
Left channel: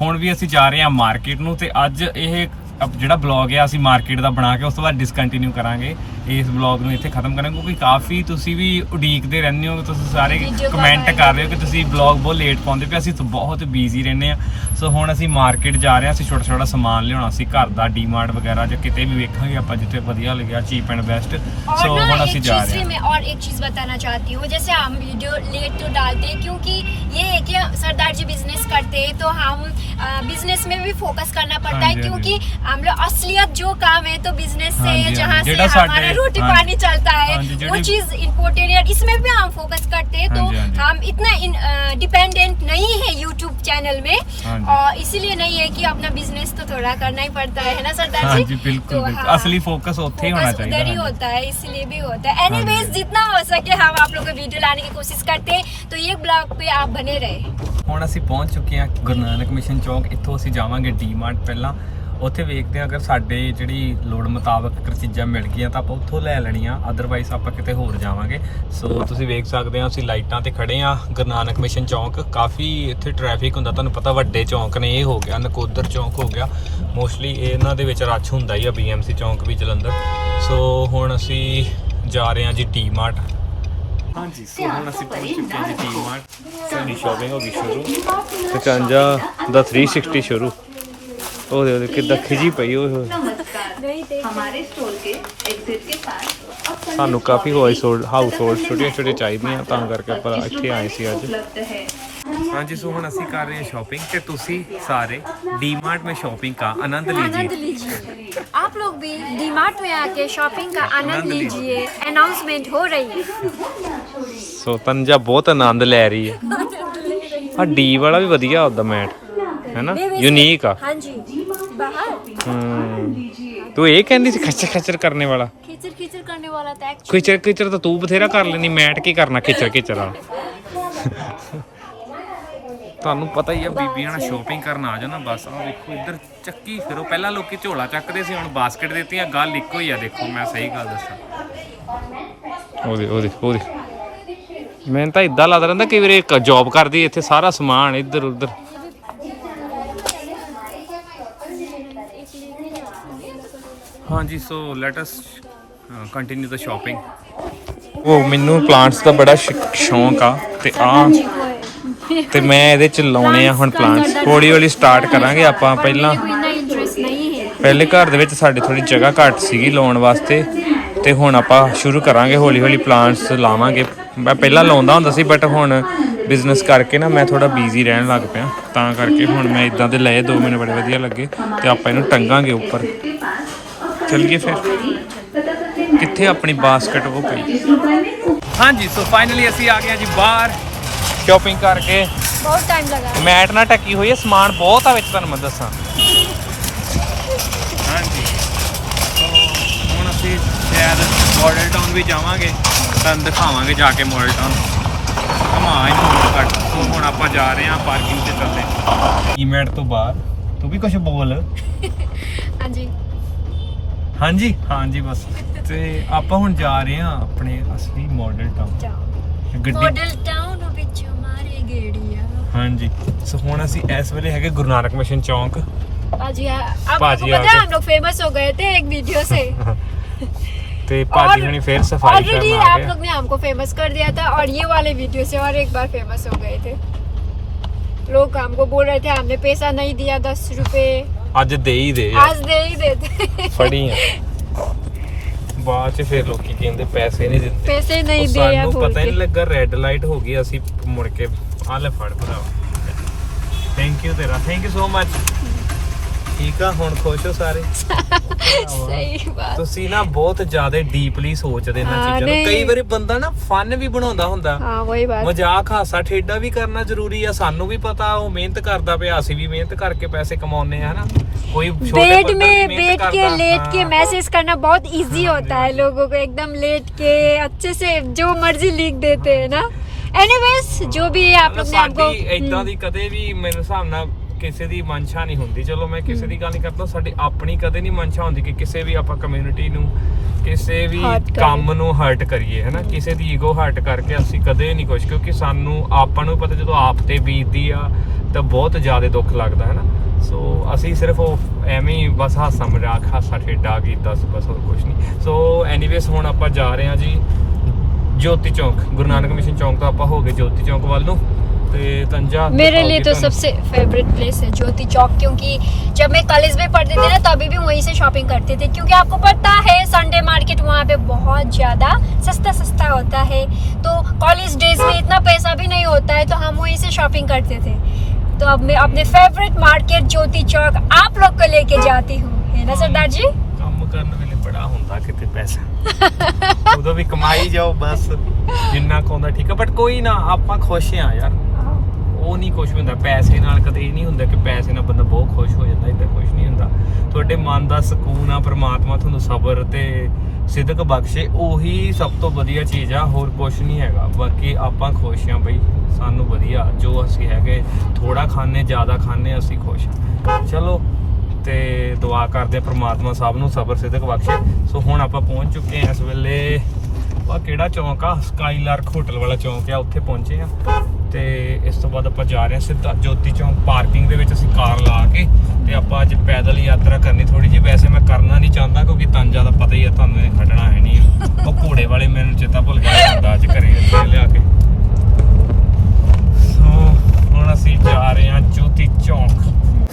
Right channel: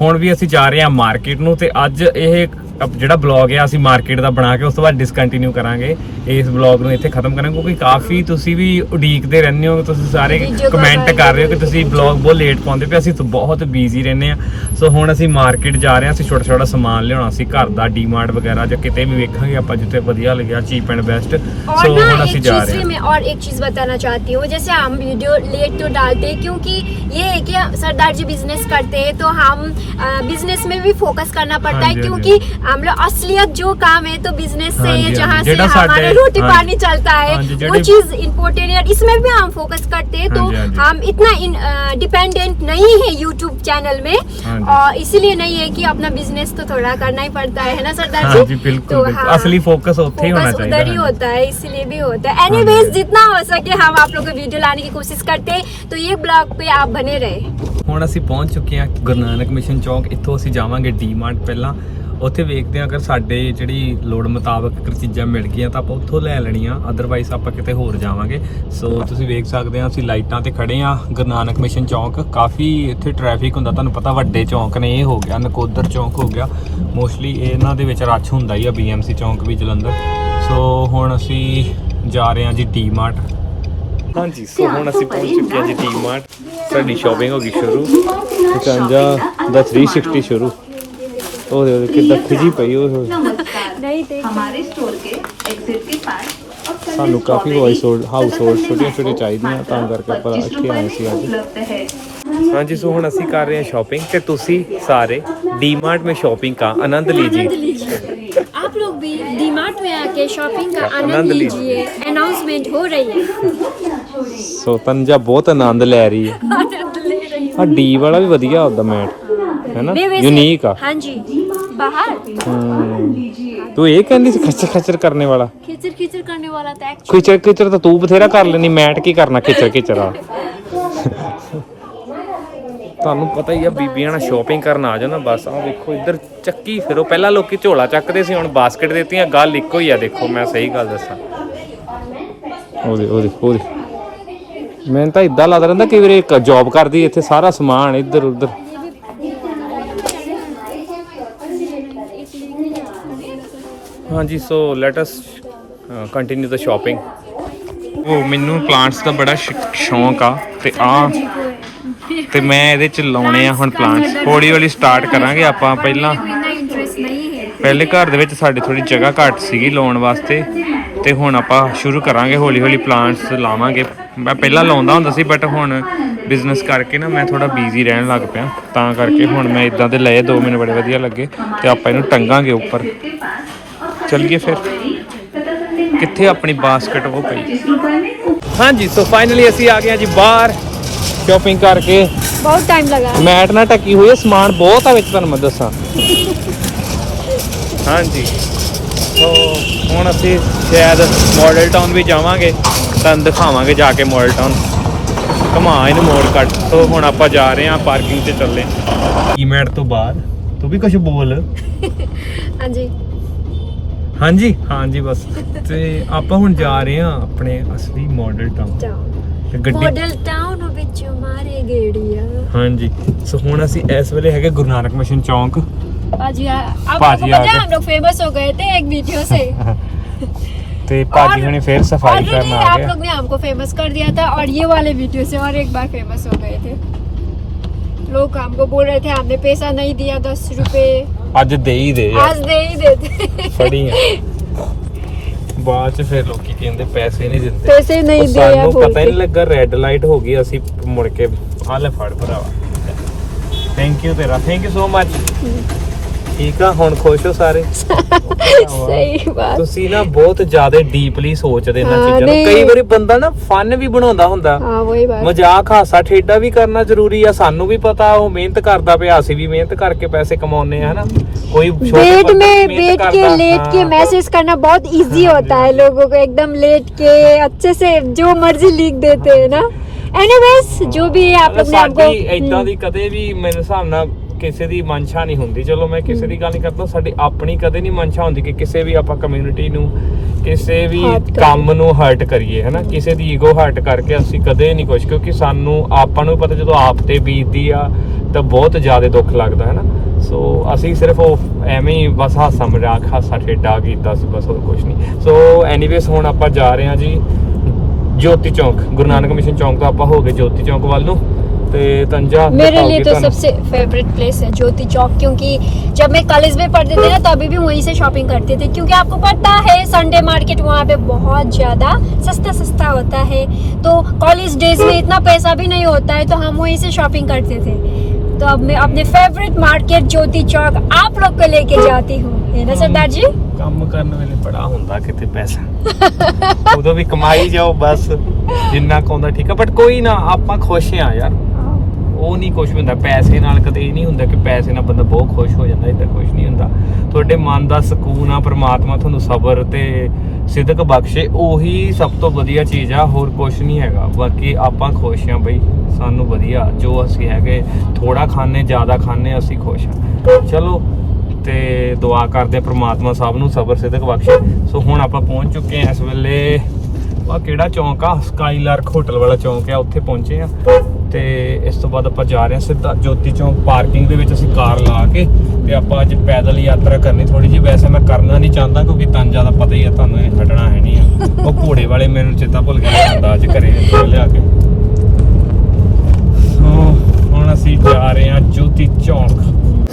ਹੁਣ ਵੀ ਅਸੀਂ ਜਾ ਰਹੇ ਹਾਂ ਮਾਰਕੀਟ ਨੂੰ ਤੇ ਅੱਜ ਇਹ ਜਿਹੜਾ ਬਲੌਗ ਹੈ ਅਸੀਂ ਮਾਰਕੀਟ ਦਾ ਬਣਾ ਕੇ ਉਸ ਤੋਂ ਬਾਅਦ ਡਿਸਕੰਟੀਨਿਊ ਕਰਾਂਗੇ ਇਸ ਬਲੌਗ ਨੂੰ ਇੱਥੇ ਖਤਮ ਕਰਾਂਗੇ ਕਿਉਂਕਿ ਕਾਫੀ ਤੁਸੀਂ ਵੀ ਉਡੀਕਦੇ ਰਹਿੰਦੇ ਹੋ ਤੁਸੀਂ ਸਾਰੇ Video ਕਮੈਂਟ ਪਾਉਂਦੇ ਕਰ ਰਹੇ ਹੋ ਕਿ ਤੁਸੀਂ ਬਲੌਗ ਬਹੁਤ ਲੇਟ ਪਾਉਂਦੇ ਪਏ ਅਸੀਂ ਤਾਂ ਬਹੁਤ ਬਿਜ਼ੀ ਰਹਿੰਦੇ ਆ ਸੋ ਹੁਣ ਅਸੀਂ ਮਾਰਕੀਟ ਜਾ ਰਹੇ ਹਾਂ ਅਸੀਂ ਛੋਟਾ ਛੋਟਾ ਸਮਾਨ ਲਿਆਉਣਾ ਸੀ ਘਰ ਦਾ ਡੀਮਾਰਟ ਵਗੈਰਾ ਜਾਂ ਕਿਤੇ ਵੀ ਵੇਖਾਂਗੇ ਆਪਾਂ ਜਿੱਥੇ ਵਧੀਆ ਲੱਗਿਆ ਚੀਪ ਐਂਡ ਬੈਸਟ और ਸੋ ना ਹੁਣ एक ਅਸੀਂ ਜਾ चीज ਰਹੇ से ਹਾਂ मैं और एक चीज बताना चाहती हूँ जैसे हम वीडियो लेट तो डालते हैं क्योंकि ये है कि सरदार जी बिजनेस करते हैं तो हम बिजनेस में भी फोकस करना पड़ता हाँ है जी, हाँ क्योंकि हम लोग असलियत जो काम है तो बिजनेस से हाँ जी, है हाँ जहाँ जी। से जेड़ा हमारा साडे- रोटी हाँ पानी चलता है हाँ जी, वो जेड़े- चीज इम्पोर्टेंट है इसमें भी हम फोकस करते हैं हाँ तो जी, हाँ जी। हम इतना डिपेंडेंट नहीं है यूट्यूब चैनल में हाँ जी। और इसीलिए नहीं है कि अपना बिजनेस तो थोड़ा करना ही पड़ता है ना सरदार हाँ जी जी बिल्कुल तो बिल्कुल हाँ। असली फोकस उत्थे ही होना फोकस चाहिए उधर ही हाँ जी। होता है इसलिए भी होता है हाँ जी। एनीवेज जितना हो सके हम आप लोग को वीडियो लाने की कोशिश करते हैं तो ये ब्लॉग पे आप बने रहे ਹੁਣ ਅਸੀਂ ਪਹੁੰਚ ਚੁੱਕੇ ਹਾਂ ਗੁਰੂ ਨਾਨਕ ਮਿਸ਼ਨ ਚੌਂਕ ਇੱਥੋਂ ਅਸੀਂ ਜਾਵਾਂਗੇ ਡੀਮਾਰਟ ਪਹਿਲਾਂ ਉੱਥੇ ਵੇਖਦੇ ਹਾਂ ਅਗਰ ਸਾਡੇ ਜਿਹੜੀ ਲੋੜ ਮੁਤਾਬਕ ਅਗਰ ਚੀਜ਼ਾਂ ਮਿਲ ਗਈਆਂ ਤਾਂ ਆਪਾਂ ਉੱਥੋਂ ਲੈ ਲੈਣੀਆਂ ਅਦਰਵਾਈਜ਼ ਆਪਾਂ ਕਿਤੇ ਹੋਰ ਜਾਵਾਂਗੇ। ਸੋ ਤੁਸੀਂ ਵੇਖ ਸਕਦੇ ਹੋ, ਅਸੀਂ ਲਾਈਟਾਂ ਤੇ ਖੜੇ ਹਾਂ, ਗੁਰੂ ਨਾਨਕ ਮਿਸ਼ਨ ਚੌਂਕ। ਕਾਫੀ ਇੱਥੇ ਟ੍ਰੈਫਿਕ ਹੁੰਦਾ, ਤੁਹਾਨੂੰ ਪਤਾ ਵੱਡੇ ਚੌਂਕ ਨੇ, ਇਹ ਹੋ ਗਿਆ, ਨਕੋਦਰ ਚੌਂਕ ਹੋ ਗਿਆ। ਮੋਸਟਲੀ ਇਹਨਾਂ ਦੇ ਵਿੱਚ ਰੱਛ ਹੁੰਦਾ ਹੀ ਆ ਬੀਐਮਸੀ ਚੌਂਕ ਵੀ ਜਲੰਧਰ। ਸੋ ਹੁਣ ਅਸੀਂ ਜਾ ਰਹੇ ਹਾਂ ਜੀ ਡੀਮਾਰਟ ਹਾਂਜੀ ਸੋ ਹੁਣ ਅਸੀਂ ਪਹੁੰਚ ਚੁੱਕੇ ਹਾਂ ਜੀ ਡੀਮਾਰਟ ਸਾਡੀ ਸ਼ਾਪਿੰਗ ਹੋ ਗਈ ਸ਼ੁਰੂ। ਕੰਜਾ ਦਾ 360 ਸ਼ੁਰੂ। ਉਹਦੇ ਉਹਦੇ ਕਿੱਦਾਂ ਖਿਜੀ ਪਈ ਉਹ नहीं देख ਸਾਨੂੰ ਕਾਫੀ ਹਾਊਸ ਹੋਲਡ ਹਾਊਸ ਹੋਲਡ ਛੋਟੀਆਂ ਛੋਟੀਆਂ ਚਾਹੀਦੀਆਂ ਤਾਂ ਕਰਕੇ ਆਪਾਂ ਇੱਥੇ ਆਏ ਸੀ ਅੱਜ ਹਾਂਜੀ ਸੋ ਹੁਣ ਅਸੀਂ ਕਰ ਰਹੇ ਹਾਂ ਸ਼ਾਪਿੰਗ ਤੇ ਤੁਸੀਂ ਸਾਰੇ ਡੀਮਾਰਟ में शॉपिंग का आनंद आनंद लीजिए लीजिए आप लोग भी डीमार्ट में आके शॉपिंग का आनंद आनंद लीजिए। लीजिए अनाउंसमेंट हो रही है ਸੋ ਤੰਜਾ ਬਹੁਤ ਆਨੰਦ ਲੈ ਰਹੀ ਹੈ आनंद ले रही है ਆ ਡੀ ਵਾਲਾ ਵੀ ਵਧੀਆ ਉਹਦਾ ਮੈਟ ਹੈ ਨਾ नहीं, वैसे- ਯੂਨੀਕ ਆ हाँ जी बाहर ਹਮ, ਤੂੰ ਇਹ ਕਹਿੰਦੀ ਸੀ ਖੱਚਰ ਖੱਚਰ ਕਰਨੇ ਵਾਲਾ खिचर खिचर करने वाला था एक्चुअली ਖਿਚਰ ਖਿਚਰ ਤਾਂ ਤੂੰ ਬਥੇਰਾ ਕਰ ਲੈਣੀ ਮੈਟ ਕੀ ਕਰਨਾ ਖਿਚਰ ਖਿਚਰ ਆ ਤੁਹਾਨੂੰ ਪਤਾ ਹੀ ਆ ਬੀਬੀਆਂ ਨਾਲ ਸ਼ਾਪਿੰਗ ਕਰਨ ਆ ਜਾਣਾ ਬਸ ਆ ਵੇਖੋ ਇੱਧਰ ਚੱਕੀ ਫਿਰੋ ਪਹਿਲਾਂ ਲੋਕੀ ਝੋਲਾ ਚੱਕਦੇ ਸੀ ਹੁਣ ਬਾਸਕਟ ਦਿੱਤੀਆਂ ਗੱਲ ਇੱਕੋ ਹੀ ਆ ਦੇਖੋ ਮੈਂ ਸਹੀ ਗੱਲ ਦੱਸਾਂ ਉਹਦੇ ਉਹਦੇ ਉਹਦੇ ਮੈਨੂੰ ਤਾਂ ਇਦਾਂ ਲੱਗਦਾ ਰਹਿੰਦਾ ਕਿ ਵੀਰੇ ਇੱਕ ਜੌਬ ਕਰਦੀ ਇੱਥੇ ਸਾਰਾ ਸਮਾਨ ਇੱਧਰ ਉੱਧਰ ਹਾਂਜੀ so let us continue the shopping ਉਹ ਮੈਨੂੰ ਪਲਾਂਟਸ ਦਾ ਬੜਾ ਸ਼ੌਂਕ ਆ ਤੇ ਆ ਤੇ ਮੈਂ ਇਹਦੇ ਚ ਲਾਉਣੇ ਆ ਹੁਣ ਪਲਾਂਟਸ ਹੌਲੀ ਹੌਲੀ ਸਟਾਰਟ ਕਰਾਂਗੇ ਆਪਾਂ ਪਹਿਲਾਂ। ਪਹਿਲੇ ਘਰ ਦੇ ਵਿੱਚ ਸਾਡੇ ਥੋੜੀ ਜਗ੍ਹਾ ਘੱਟ ਸੀਗੀ ਲਾਉਣ ਵਾਸਤੇ ਤੇ ਹੁਣ ਆਪਾਂ ਸ਼ੁਰੂ ਕਰਾਂਗੇ, ਹੌਲੀ ਹੌਲੀ ਪਲਾਂਟਸ ਲਾਵਾਂਗੇ। ਮੈਂ ਪਹਿਲਾਂ ਲਾਉਂਦਾ ਹੁੰਦਾ ਸੀ ਬਟ ਹੁਣ ਬਿਜ਼ਨਸ ਕਰਕੇ ਨਾ ਮੈਂ ਥੋੜਾ ਬਿਜ਼ੀ ਰਹਿਣ ਲੱਗ ਪਿਆ। ਤਾਂ ਕਰਕੇ ਹੁਣ ਮੈਂ ਇਦਾਂ ਦੇ ਲਏ, ਦੋ ਮੈਨੂੰ ਬੜੇ ਵਧੀਆ ਲੱਗੇ ਤੇ ਆਪਾਂ ਇਹਨੂੰ ਟੰਗਾਂਗੇ ਉੱਪਰ। ਚੱਲੀਏ ਫਿਰ? ਕਿੱਥੇ ਆਪਣੀ ਬਾਸਕਟ ਉਹ ਪਈ? ਹਾਂਜੀ ਸੋ ਫਾਈਨਲੀ ਅਸੀਂ ਆ ਗਏ ਹਾਂ ਜੀ ਬਾਹਰ ਸ਼ਾਪਿੰਗ ਕਰਕੇ। ਬਹੁਤ ਟਾਈਮ ਲੱਗਾ। ਮੈਟ ਨਾਲ ਟੱਕੀ ਹੋਈ ਹੈ ਸਮਾਨ ਬਹੁਤ ਆ ਵਿੱਚ ਤੁਹਾਨੂੰ ਮੈਂ ਦੱਸਾਂ। ਹਾਂਜੀ। ਸੋ ਹੁਣ ਅਸੀਂ ਸ਼ਾਇਦ ਮਾਡਲ ਟਾਊਨ ਵੀ ਜਾਵਾਂਗੇ ਤੁਹਾਨੂੰ ਦਿਖਾਵਾਂਗੇ ਜਾ ਕੇ ਮਾਡਲ ਟਾਊਨ ਘਮਾ ਇਹਨੂੰ ਮੋੜ ਕੱਟ ਸੋ ਹੁਣ ਆਪਾਂ ਜਾ ਰਹੇ ਹਾਂ ਪਾਰਕਿੰਗ ਤੇ ਚੱਲੇ। ਈਮੈਟ ਤੋਂ ਬਾਅਦ ਤੂੰ ਵੀ ਕੁਝ ਬੋਲ। ਹਾਂਜੀ। ਹਾਂਜੀ ਹਾਂਜੀ ਬਸ ਤੇ ਆਪਾਂ ਹੁਣ ਜਾ ਰਹੇ ਹਾਂ ਆਪਣੇ ਅਸਲੀ ਮਾਡਲ ਟਾਊਨ जाओ ਤੇ ਗੱਡੀ मॉडल टाउन ਵਿੱਚ ਮਾਰੇ ਗੇੜੀਆਂ ਹਾਂਜੀ ਸੋ ਹੁਣ ਅਸੀਂ ਇਸ ਵੇਲੇ ਹੈਗੇ ਗੁਰੂ ਨਾਨਕ ਮਿਸ਼ਨ ਚੌਂਕ पाजी अब पाजी आपको आ पता है गए। हम लोग फेमस हो गए थे एक वीडियो से ਤੇ ਭਾਜੀ और ਹੁਣੀ ਫੇਰ ਸਫਾਈ ऑलरेडी ਕਰਨ ਆ आप ਗਏ लोग ने हमको फेमस कर दिया था और ये वाले वीडियो से और एक बार फेमस हो गए थे लोग हमको बोल रहे थे हमने पैसा नहीं दिया दस रुपए ਅੱਜ ਦੇ ਹੀ ਦੇ ਅੱਜ ਦੇ ਹੀ ਦੇ। ਫੜੀ ਆ ਬਾਅਦ ਚ ਫਿਰ ਲੋਕੀ ਕਹਿੰਦੇ ਪੈਸੇ ਨਹੀਂ ਦਿੰਦੇ। ਪੈਸੇ ਨਹੀਂ ਦੇ ਆ ਸਾਨੂੰ ਪਤਾ ਹੀ ਨਹੀਂ ਲੱਗਾ ਰੈੱਡ ਲਾਈਟ ਹੋ ਗਈ ਅਸੀਂ ਮੁੜ ਕੇ ਆ ਫੜ ਭਰਾਵਾ। ਥੈਂਕ ਯੂ ਤੇਰਾ। ਥੈਂਕ ਯੂ ਸੋ ਮਚ ਠੀਕ ਆ ਹੁਣ ਖੁਸ਼ ਹੋ ਸਾਰੇ सही बात ਤੁਸੀਂ ਨਾ ਬਹੁਤ ਜ਼ਿਆਦਾ ਡੀਪਲੀ ਸੋਚਦੇ ਇਹਨਾਂ ਹਾਂ, ਚੀਜ਼ਾਂ ਨੂੰ ਨਹੀਂ। ਕਈ ਵਾਰੀ ਬੰਦਾ ਨਾ ਫਨ ਵੀ ਬਣਾਉਂਦਾ ਹੁੰਦਾ हाँ वही बात ਮਜ਼ਾਕ ਹਾਸਾ ਠੇਡਾ ਵੀ ਕਰਨਾ ਜ਼ਰੂਰੀ ਆ ਸਾਨੂੰ ਵੀ ਪਤਾ ਉਹ ਮਿਹਨਤ ਕਰਦਾ ਪਿਆ ਅਸੀਂ ਵੀ ਮਿਹਨਤ ਕਰਕੇ ਪੈਸੇ ਕਮਾਉਂਦੇ ਆ ਹਨਾ ਕੋਈ ਛੋਟੇ बेड ਬੰਦਾ में ਵੀ बैठ ਮਿਹਨਤ के ਕਰਦਾ, लेट के ਹਾਂ। मैसेज करना बहुत इजी होता है लोगों को एकदम लेट के अच्छे से जो मर्जी लिख देते हैं ना एनीवेज जो भी है आप लोग ने आपको ਸਾਡੀ ਏਦਾਂ ਦੀ ਕਦੇ ਵੀ ਮੇਰੇ ਹਿਸਾਬ ਨਾਲ ਕਿਸੇ ਦੀ ਮਨਸ਼ਾ ਨਹੀਂ ਹੁੰਦੀ। ਚਲੋ ਮੈਂ ਕਿਸੇ ਦੀ ਗੱਲ ਨਹੀਂ ਕਰਦਾ ਸਾਡੀ ਆਪਣੀ ਕਦੇ ਨਹੀਂ ਮਨਸ਼ਾ ਹੁੰਦੀ ਕਿ ਕਿਸੇ ਵੀ ਆਪਾਂ ਕਮਿਊਨਿਟੀ ਨੂੰ ਕਿਸੇ ਵੀ Hurt ਕਰੀਏ। ਕੰਮ ਨੂੰ ਹਰਟ ਕਰੀਏ ਹਨਾ? ਕਿਸੇ ਦੀ ਈਗੋ ਹਰਟ ਕਰਕੇ ਅਸੀਂ ਕਦੇ ਨਹੀਂ ਕੁਝ ਕਿਉਂਕਿ ਸਾਨੂੰ ਆਪਾਂ ਨੂੰ ਪਤਾ ਜਦੋਂ ਆਪ ਤੇ ਬੀਤਦੀ ਆ ਤਾਂ ਬਹੁਤ ਜ਼ਿਆਦਾ ਦੁੱਖ ਲੱਗਦਾ ਹੈ ਨਾ ਸੋ ਅਸੀਂ ਸਿਰਫ ਉਹ ਐਵੇਂ ਹੀ ਬਸ ਹਾਸਾ ਮਜ਼ਾਕ ਹਾਸਾ ਠੇਡਾ ਕੀਤਾ ਸੀ ਬਸ ਹੋਰ ਕੁਝ ਨਹੀਂ। ਸੋ ਐਨੀਵੇਸ ਹੁਣ ਆਪਾਂ ਜਾ ਰਹੇ ਹਾਂ ਜੀ ਜੋਤੀ ਚੌਂਕ ਗੁਰੂ ਨਾਨਕ ਮਿਸ਼ਨ ਚੌਂਕ ਤੋਂ ਆਪਾਂ ਹੋ ਗਏ ਜੋਤੀ ਚੌਂਕ ਵੱਲ ਨੂੰ। ਤੇ ਤੰਜਾ मेरे लिए तो ਦਿਖਾਊਗੀ ਤੁਹਾਨੂੰ। सबसे फेवरेट प्लेस है ज्योति चौक क्योंकि जब मैं कॉलेज में पढ़ते थे ना तभी भी वहीं से शॉपिंग करते थे क्योंकि आपको पता है संडे मार्केट वहाँ पे बहुत ज़्यादा सस्ता सस्ता होता है तो कॉलेज डेज में इतना पैसा भी नहीं होता है तो हम वहीं से शॉपिंग करते थे तो अब मैं अपने फेवरेट मार्केट ज्योति चौक आप लोग को लेके जाती हूँ है ना सरदार जी ਕੰਮ ਕਰਨ ਵੇਲੇ ਬੜਾ ਹੁੰਦਾ ਕਿਤੇ ਪੈਸਾ ਉਦੋਂ ਵੀ ਕਮਾਈ ਜਾਓ ਬਸ ਜਿੰਨਾ ਕੁ ਆਉਂਦਾ ਠੀਕ ਆ ਬਟ ਕੋਈ ਨਾ ਆਪਾਂ ਖੁਸ਼ ਆ ਯਾਰ ਉਹ ਨਹੀਂ ਕੁਝ ਹੁੰਦਾ। ਪੈਸੇ ਨਾਲ ਕਦੇ ਇਹ ਨਹੀਂ ਹੁੰਦਾ ਕਿ ਪੈਸੇ ਨਾਲ ਬੰਦਾ ਬਹੁਤ ਖੁਸ਼ ਹੋ ਜਾਂਦਾ ਇਦਾਂ ਕੁਝ ਨਹੀਂ ਹੁੰਦਾ। ਤੁਹਾਡੇ ਮਨ ਦਾ ਸਕੂਨ ਆ, ਪ੍ਰਮਾਤਮਾ ਤੁਹਾਨੂੰ ਸਬਰ ਤੇ ਸਿੱਧਕ ਬਖਸ਼ੇ, ਉਹੀ ਸਭ ਤੋਂ ਵਧੀਆ ਚੀਜ਼ ਆ, ਹੋਰ ਕੁਝ ਨਹੀਂ ਹੈਗਾ। ਬਾਕੀ ਆਪਾਂ ਖੁਸ਼ ਆ ਬਈ, ਸਾਨੂੰ ਵਧੀਆ, ਜੋ ਅਸੀਂ ਹੈਗੇ ਥੋੜਾ ਖਾਣੇ ਜ਼ਿਆਦਾ ਖਾਣੇ ਅਸੀਂ ਖੁਸ਼ ਆ ਚਲੋ, ਤੇ ਦੁਆ ਕਰਦੇ ਪ੍ਰਮਾਤਮਾ ਸਾਹਿਬ ਨੂੰ ਸਬਰ ਸਿੱਧਕ ਬਖਸ਼ੇ। ਸੋ ਹੁਣ ਆਪਾਂ ਪਹੁੰਚ ਚੁੱਕੇ ਆ ਇਸ ਵੇਲੇ ਆ ਕਿਹੜਾ ਚੌਂਕ ਆ? ਸਕਾਈਲਾਰਕ ਹੋਟਲ ਵਾਲਾ ਚੌਂਕ ਆ, ਉੱਥੇ ਪਹੁੰਚੇ ਆ ਤੇ ਇਸ ਤੋਂ ਬਾਅਦ ਆਪਾਂ ਜਾ ਰਹੇ ਹਾਂ ਸਿੱਧਾ ਜੋਤੀ ਚੌਂਕ ਪਾਰਕਿੰਗ ਦੇ ਵਿੱਚ ਅਸੀਂ ਕਾਰ ਲਾ ਕੇ ਤੇ ਆਪਾਂ ਅੱਜ ਪੈਦਲ ਯਾਤਰਾ ਕਰਨੀ ਥੋੜੀ ਜੀ ਵੈਸੇ ਮੈਂ ਕਰਨਾ ਨਹੀਂ ਚਾਹੁੰਦਾ ਕਿਉਂਕਿ ਤਾਂ ਜ਼ਿਆਦਾ ਪਤਾ ਹੀ ਹੈ ਤੁਹਾਨੂੰ ਇਹ ਹਟਣਾ ਹੈ ਨਹੀਂ ਆ। ਉਹ ਘੋੜੇ ਵਾਲੇ ਮੈਨੂੰ ਚੇਤਾ ਭੁੱਲ ਗਿਆ ਜਾਂਦਾ ਅੱਜ ਘਰੇ ਲਿਆ ਕੇ। ਸੋ ਹੁਣ ਅਸੀਂ ਜਾ ਰਹੇ ਹਾਂ ਜੋਤੀ ਚੌਂਕ।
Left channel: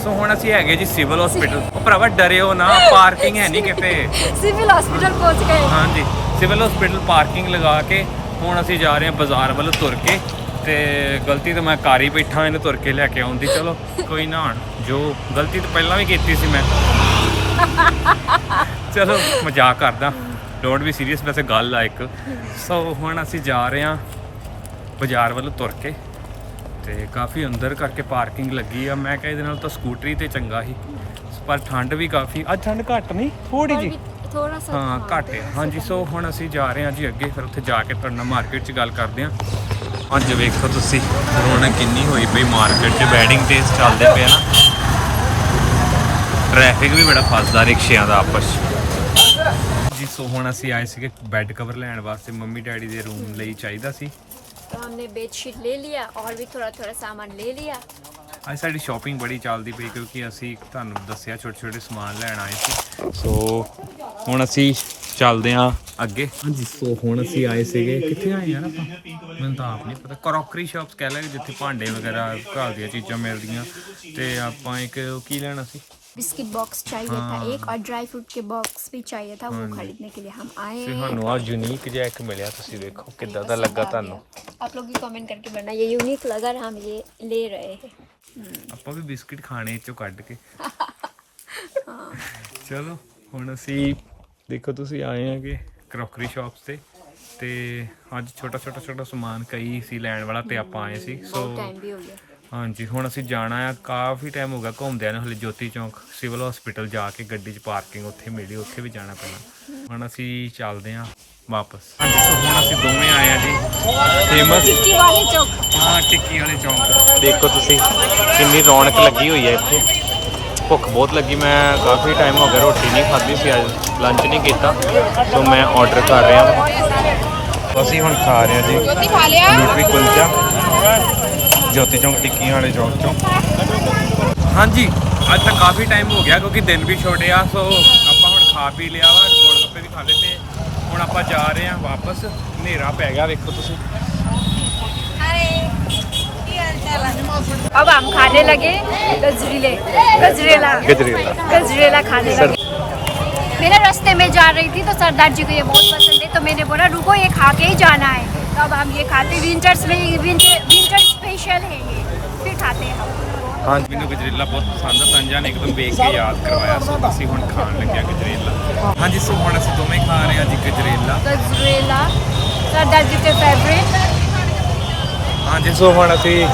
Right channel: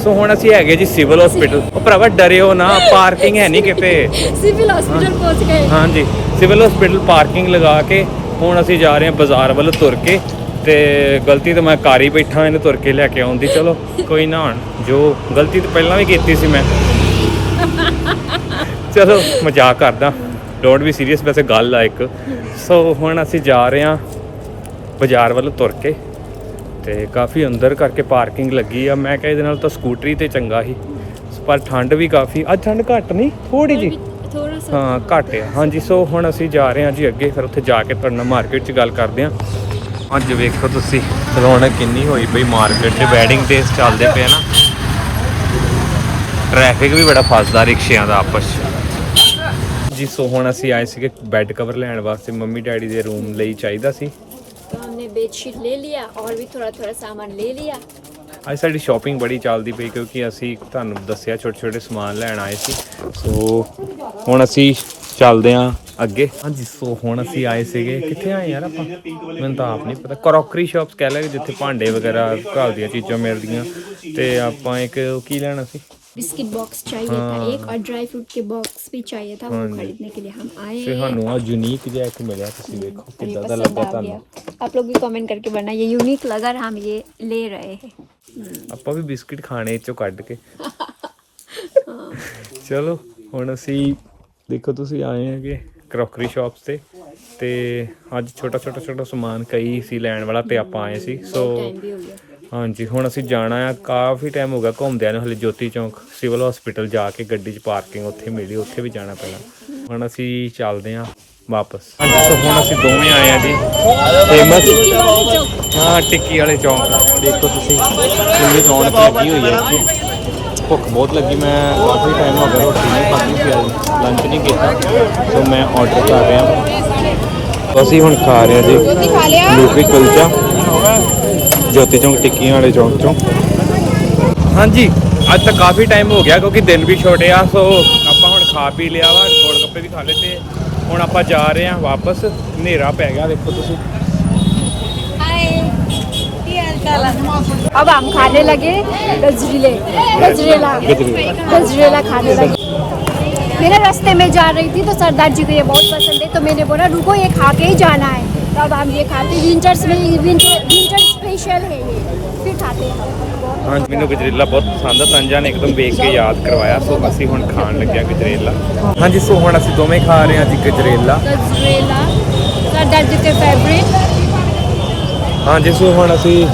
ਸੋ ਹੁਣ ਅਸੀਂ ਹੈਗੇ ਜੀ ਸਿਵਲ ਹਸਪੀਟਲ ਉਹ ਭਰਾਵਾ ਡਰਿਓ ਨਾ ਪਾਰਕਿੰਗ ਹੈ ਨਹੀਂ ਕਿਤੇ। ਸਿਵਲ ਹਸਪੀਟਲ ਪਹੁੰਚ ਗਏ। ਹਾਂਜੀ ਸਿਵਲ ਹਸਪੀਟਲ ਪਾਰਕਿੰਗ ਲਗਾ ਕੇ ਹੁਣ ਅਸੀਂ ਜਾ ਰਹੇ ਹਾਂ ਬਾਜ਼ਾਰ ਵੱਲ ਤੁਰ ਕੇ। ਤੇ ਗਲਤੀ ਤਾਂ ਮੈਂ ਘਰ ਹੀ ਬੈਠਾ ਇਹਨੂੰ ਤੁਰ ਕੇ ਲੈ ਕੇ ਆਉਂਦੀ। ਚਲੋ ਕੋਈ ਨਾ ਹੁਣ ਜੋ ਗਲਤੀ ਤਾਂ ਪਹਿਲਾਂ ਵੀ ਕੀਤੀ ਸੀ ਮੈਂ। ਚਲੋ ਮਜ਼ਾਕ ਕਰਦਾ। ਡੋਂਟ ਵੀ ਸੀਰੀਅਸ ਵੈਸੇ ਗੱਲ ਆ ਇੱਕ। ਸੋ ਹੁਣ ਅਸੀਂ ਜਾ ਰਹੇ ਆ ਬਾਜ਼ਾਰ ਵੱਲ ਤੁਰ ਕੇ। ਤੇ ਕਾਫੀ ਅੰਦਰ ਕਰਕੇ ਪਾਰਕਿੰਗ ਲੱਗੀ ਆ। ਮੈਂ ਕਿਹਾ ਇਹਦੇ ਨਾਲ ਤਾਂ ਸਕੂਟਰੀ ਤੇ ਚੰਗਾ ਸੀ। ਪਰ ਠੰਡ ਵੀ ਕਾਫੀ ਅੱਜ ਠੰਡ ਘੱਟ ਨਹੀਂ ਥੋੜੀ ਜੀ ਥੋੜਾ ਸਾ ਹਾਂ ਘੱਟ ਆ। ਹਾਂਜੀ ਸੋ ਹੁਣ ਅਸੀਂ ਜਾ ਰਹੇ ਹਾਂ ਜੀ ਅੱਗੇ ਫਿਰ ਉੱਥੇ ਜਾ ਕੇ ਤੁਹਾਡੇ ਨਾਲ ਮਾਰਕੀਟ 'ਚ ਗੱਲ ਕਰਦੇ ਹਾਂ। ਅੱਜ ਵੇਖੋ ਤੁਸੀਂ ਰੌਣਕ ਕਿੰਨੀ ਹੋਈ ਪਈ ਮਾਰਕੀਟ 'ਚ ਵੈਡਿੰਗ ਡੇਸ ਚੱਲਦੇ ਪਏ ਨਾ ਟ੍ਰੈਫਿਕ ਵੀ ਬੜਾ ਫਸਦਾ ਰਿਕਸ਼ਿਆਂ ਦਾ ਆਪਸ 'ਚ। ਜੀ ਸੋ ਹੁਣ ਅਸੀਂ ਆਏ ਸੀਗੇ ਬੈੱਡ ਕਵਰ ਲੈਣ ਵਾਸਤੇ ਮੰਮੀ ਡੈਡੀ ਦੇ ਰੂਮ ਲਈ ਚਾਹੀਦਾ ਸੀ तो हमने बेडशीट ले लिया और भी थोड़ा थोड़ा सामान ले लिया ਅੱਜ ਸਾਡੀ ਸ਼ਾਪਿੰਗ ਬੜੀ ਚੱਲਦੀ ਪਈ ਕਿਉਂਕਿ ਅਸੀਂ ਤੁਹਾਨੂੰ ਦੱਸਿਆ ਛੋਟੇ ਛੋਟੇ ਸਮਾਨ ਲੈਣ ਆਏ ਸੀ ਸੋ ਹੁਣ ਅਸੀਂ ਚੱਲਦੇ ਆਂ ਅੱਗੇ ਹਾਂਜੀ ਸੋ ਹੁਣ ਅਸੀਂ ਆਏ ਸੀਗੇ ਕਿੱਥੇ ਆਏ ਯਾਰ ਆਪਾਂ ਮੈਨੂੰ ਤਾਂ ਆਪ ਨਹੀਂ ਪਤਾ ਕਰੋਕਰੀ ਸ਼ਾਪਸ ਕਹਿ ਲੈ ਜਿੱਥੇ ਭਾਂਡੇ ਵਗੈਰਾ ਘਰ ਦੀਆਂ ਚੀਜ਼ਾਂ ਮਿਲਦੀਆਂ ਤੇ ਆਪਾਂ ਇੱਕ ਉਹ ਕੀ ਲੈਣਾ ਸੀ बिस्किट बॉक्स चाहिए था हाँ। एक और ड्राई फ्रूट के बॉक्स भी चाहिए था वो हाँ जी। खरीदने के लिए हम आए ਤੇ हैं ਸਾਨੂੰ ਆ ਯੂਨੀਕ ਜਿਹਾ ਇੱਕ ਮਿਲਿਆ ਤੁਸੀਂ ਵੇਖੋ और ये ਕਿੱਦਾਂ ਦਾ पसंद ਲੱਗਾ आ ਤੁਹਾਨੂੰ गया। आप लोग भी कमेंट करके बताना ये यूनिक लगा और हम ये ले रहे हैं हम्म, ਆਪਾਂ ਵੀ ਬਿਸਕਟ ਖਾਣੇ ਚੋਂ ਕੱਢ ਕੇ। ਚਲੋ ਹੁਣ ਅਸੀਂ ਦੇਖੋ ਤੁਸੀਂ ਆਏ ਹੈਗੇ ਕਰੋਕਰੀ ਸ਼ਾਪਸ ਤੇ ਤੇ ਅੱਜ ਛੋਟਾ ਛੋਟਾ ਛੋਟਾ ਸਮਾਨ ਕਈ ਸੀ ਲੈਣ ਵਾਲਾ ਤੇ ਆਪਾਂ ਆਏ ਸੀ। ਸੋ ਹਾਂਜੀ ਹੁਣ ਅਸੀਂ ਜਾਣਾ ਆ। ਕਾਫੀ ਟਾਈਮ ਹੋ ਗਿਆ ਘੁੰਮਦਿਆਂ ਨੂੰ ਹਲੇ ਜੋਤੀ ਚੌਂਕ ਸਿਵਲ ਹਸਪੀਟਲ ਜਾ ਕੇ ਗੱਡੀ 'ਚ ਪਾਰਕਿੰਗ ਉੱਥੇ ਮਿਲੀ ਉੱਥੇ ਵੀ ਜਾਣਾ ਪੈਣਾ। ਹੁਣ ਅਸੀਂ ਚੱਲਦੇ ਆ ਵਾਪਸ। ਹਾਂਜੀ ਸੋ ਹੁਣ ਅਸੀਂ ਦੋਵੇਂ ਆਏ ਆ ਜੀ। ਫੇਮਸ ਟਿੱਕੀ ਵਾਲੇ ਚੌਂਕ। ਹਾਂ ਟਿੱਕੀ ਵਾਲੇ ਚੌਂਕ। ਦੇਖੋ ਤੁਸੀਂ ਕਿੰਨੀ ਰੌਣਕ ਲੱਗੀ ਹੋਈ ਹੈ ਇੱਥੇ। ਭੁੱਖ ਬਹੁਤ ਲੱਗੀ ਮੈਂ ਕਾਫੀ ਟਾਈਮ ਹੋ ਗਿਆ ਰੋਟੀ ਨਹੀਂ ਖਾਧੀ ਸੀ ਅੱਜ ਲੰਚ ਨਹੀਂ ਕੀਤਾ ਸੋ ਮੈਂ ਆਰਡਰ ਕਰ ਰਿਹਾ ਹਾਂ ਅਸੀਂ ਹੁਣ ਖਾ ਰਹੇ ਹਾਂ ਜੀ ਲੂਪੀ ਕੁਲਚਾ ਜੋਤੀ ਚੌਂਕ ਟਿੱਕੀਆਂ ਵਾਲੇ ਚੌਂਕ ਚੋਂ। ਹਾਂਜੀ ਅੱਜ ਤਾਂ ਕਾਫੀ ਟਾਈਮ ਹੋ ਗਿਆ ਕਿਉਂਕਿ ਦਿਨ ਵੀ ਛੋਟੇ ਆ ਸੋ ਆਪਾਂ ਹੁਣ ਖਾ ਪੀ ਲਿਆ ਵਾ ਗੋਲ ਗੱਪੇ ਵੀ ਖਾ ਲਏ ਤੇ ਹੁਣ ਆਪਾਂ ਜਾ ਰਹੇ ਹਾਂ ਵਾਪਸ। ਹਨੇਰਾ ਪੈ ਗਿਆ ਵੇਖੋ ਤੁਸੀਂ। अब हम खाने लगे गजरेले गजरेला गजरेला। गजरेला खाने लगे मेरे रास्ते में जा रही थी तो सरदार जी को ये बहुत पसंद है तो मैंने बोला रुको ये खा के ही जाना है तो अब हम ये खाते विंटर्स में विंटर विंटर स्पेशल है ये फिर खाते हैं हम ਹਾਂਜੀ ਮੈਨੂੰ ਗਜਰੇਲਾ ਬਹੁਤ ਪਸੰਦ ਆ ਤੰਜਾ ਨੇ ਇੱਕਦਮ ਵੇਖ ਕੇ ਯਾਦ ਕਰਵਾਇਆ ਸੋ ਅਸੀਂ ਹੁਣ ਖਾਣ ਲੱਗਿਆ ਗਜਰੇਲਾ ਹਾਂਜੀ ਸੋ ਹੁਣ ਅਸੀਂ ਦੋਵੇਂ ਖਾ ਰਹੇ ਹਾਂ ਜੀ ਗਜਰੇਲਾ गजरेला सरदार जी के फेवरेट ਹਾਂਜੀ, ਸੋ ਹੁਣ ਅਸੀਂ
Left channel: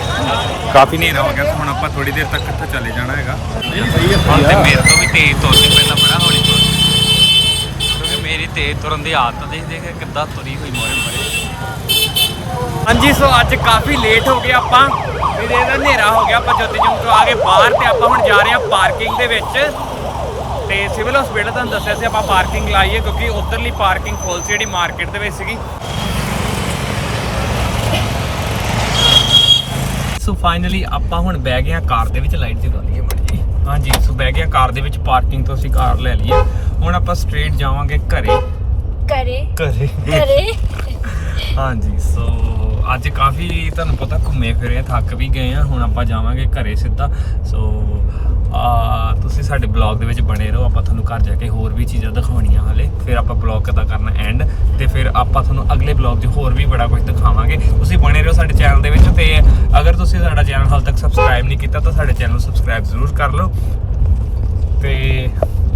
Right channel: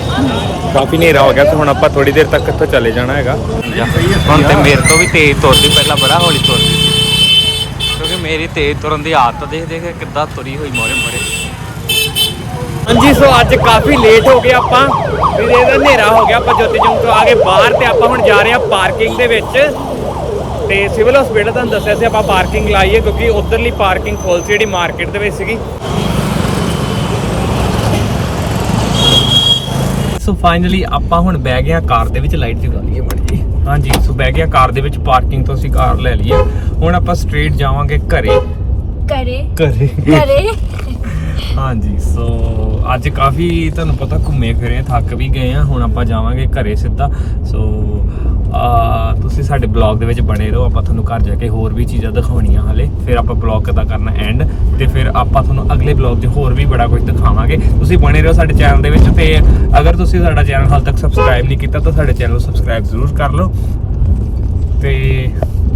ਕਾਫੀ ਹਨੇਰਾ ਹੋ ਗਿਆ, ਤੇ ਹੁਣ ਆਪਾਂ ਥੋੜੀ ਦੇਰ ਤੱਕ ਇੱਥੋਂ ਚਲੇ ਜਾਣਾ ਹੈਗਾ। ਹੁਣ ਤੇ ਮੇਰੇ ਤੋਂ ਵੀ ਤੇਜ਼ ਤੁਰਦੀ, ਪਹਿਲਾਂ ਬੜਾ ਹੌਲੀ ਤੁਰਦੀ ਸੀ। ਕਿਉਂਕਿ ਮੇਰੀ ਤੇਜ਼ ਤੁਰਨ ਦੀ ਆਦਤ ਦੇਖ ਦੇਖ ਕੇ ਕਿੱਦਾਂ ਤੁਰੀ ਹੋਈ ਮੋਰੇ ਮੋਰੇ। ਹਾਂਜੀ, ਸੋ ਅੱਜ ਕਾਫੀ ਲੇਟ ਹੋ ਗਏ ਆਪਾਂ। ਵੀ ਇਹਦਾ ਹਨੇਰਾ ਹੋ ਗਿਆ, ਆਪਾਂ ਜੋਤੀ ਚੌਂਕ ਤੋਂ ਆ ਕੇ ਬਾਹਰ, ਤੇ ਆਪਾਂ ਹੁਣ ਜਾ ਰਹੇ ਹਾਂ ਪਾਰਕਿੰਗ ਦੇ ਵਿੱਚ। ਤੇ ਸਿਵਲ ਹਸਪੀਟਲ ਤੁਹਾਨੂੰ ਦੱਸਿਆ ਸੀ, ਆਪਾਂ ਪਾਰਕਿੰਗ ਲਾਈਏ ਹੈ ਕਿਉਂਕਿ ਉਧਰਲੀ ਪਾਰਕਿੰਗ ਫੁੱਲ ਸੀ ਜਿਹੜੀ ਮਾਰਕੀਟ ਦੇ ਵਿੱਚ ਸੀਗੀ ਫਾਈਨਲੀ ਆਪਾਂ ਹੁਣ ਬਹਿ ਗਿਆ ਕਾਰ ਦੇ ਵਿੱਚ ਲਾਈਟ ਜਗਾ ਲਈਏ ਮੜ ਜੀ ਹਾਂਜੀ ਸੋ ਬਹਿ ਗਿਆ ਕਾਰ ਦੇ ਵਿੱਚ ਪਾਰਕਿੰਗ ਤੋਂ ਅਸੀਂ ਕਾਰ ਲੈ ਲਈਏ। ਹੁਣ ਆਪਾਂ ਸਟ੍ਰੇਟ ਜਾਵਾਂਗੇ ਘਰੇ। ਘਰੇ। ਘਰੇ। ਘਰੇ। ਹਾਂਜੀ ਸੋ ਅੱਜ ਕਾਫੀ ਤੁਹਾਨੂੰ ਪਤਾ ਘੁੰਮੇ ਫਿਰੇ ਥੱਕ ਵੀ ਗਏ ਆ ਹੁਣ ਆਪਾਂ ਜਾਵਾਂਗੇ ਘਰੇ ਸਿੱਧਾ। ਸੋ ਤੁਸੀਂ ਸਾਡੇ ਬਲੌਗ ਦੇ ਵਿੱਚ ਬਣੇ ਰਹੋ ਆਪਾਂ ਤੁਹਾਨੂੰ ਘਰ ਜਾ ਕੇ ਹੋਰ ਵੀ ਚੀਜ਼ਾਂ ਦਿਖਾਉਣੀਆਂ ਹਲੇ। ਫਿਰ ਆਪਾਂ ਬਲੌਗ ਦਾ ਕਰਨਾ ਐਂਡ ਤੇ ਫਿਰ ਆਪਾਂ ਤੁਹਾਨੂੰ ਅਗਲੇ ਬਲੌਗ 'ਚ ਹੋਰ ਵੀ ਬੜਾ ਕੁਝ ਦਿਖਾਵਾਂਗੇ। ਤੁਸੀਂ ਬਣੇ ਰਹੋ ਸਾਡੇ ਚੈਨਲ ਦੇ ਵਿੱਚ ਤੇ ਅਗਰ ਤੁਸੀਂ ਸਾਡਾ ਚੈਨਲ ਹਾਲ ਤੱਕ ਸਬਸਕ੍ਰਾਈਬ ਨਹੀਂ ਕੀਤਾ ਤਾਂ ਸਾਡੇ ਚੈਨਲ ਨੂੰ ਸਬਸਕ੍ਰਾਈਬ ਜ਼ਰੂਰ ਕਰ ਲਓ। ਤੇ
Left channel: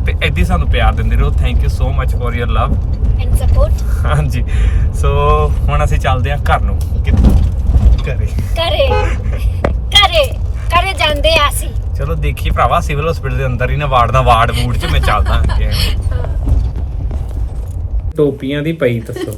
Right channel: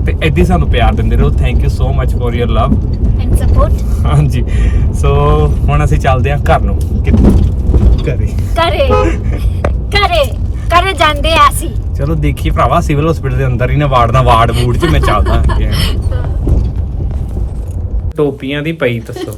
ਤੇ ਐਦੀ ਸਾਨੂੰ ਪਿਆਰ ਦਿੰਦੇ ਰਹੋ। Thank you so much for your love and support ਹਾਂਜੀ। ਸੋ ਹੁਣ ਅਸੀਂ ਚੱਲਦੇ ਹਾਂ ਘਰ ਨੂੰ। ਕਿੱਥੇ? ਘਰੇ। ਘਰੇ। ਘਰੇ। ਘਰੇ ਜਾਂਦੇ ਆ ਚਲੋ ਦੇਖੀ ਭਰਾਵਾ ਸਿਵਲ ਹਸਪੀਟਲ ਦੇ ਅੰਦਰ ਹੀ ਨਾ ਵਾਰਡ ਦਾ ਵਾਰਡ ਵੂਡ ਚ ਮੈਂ ਚੱਲਦਾ ਟੋਪੀਆਂ ਦੀ ਪਈ ਦੱਸੋ।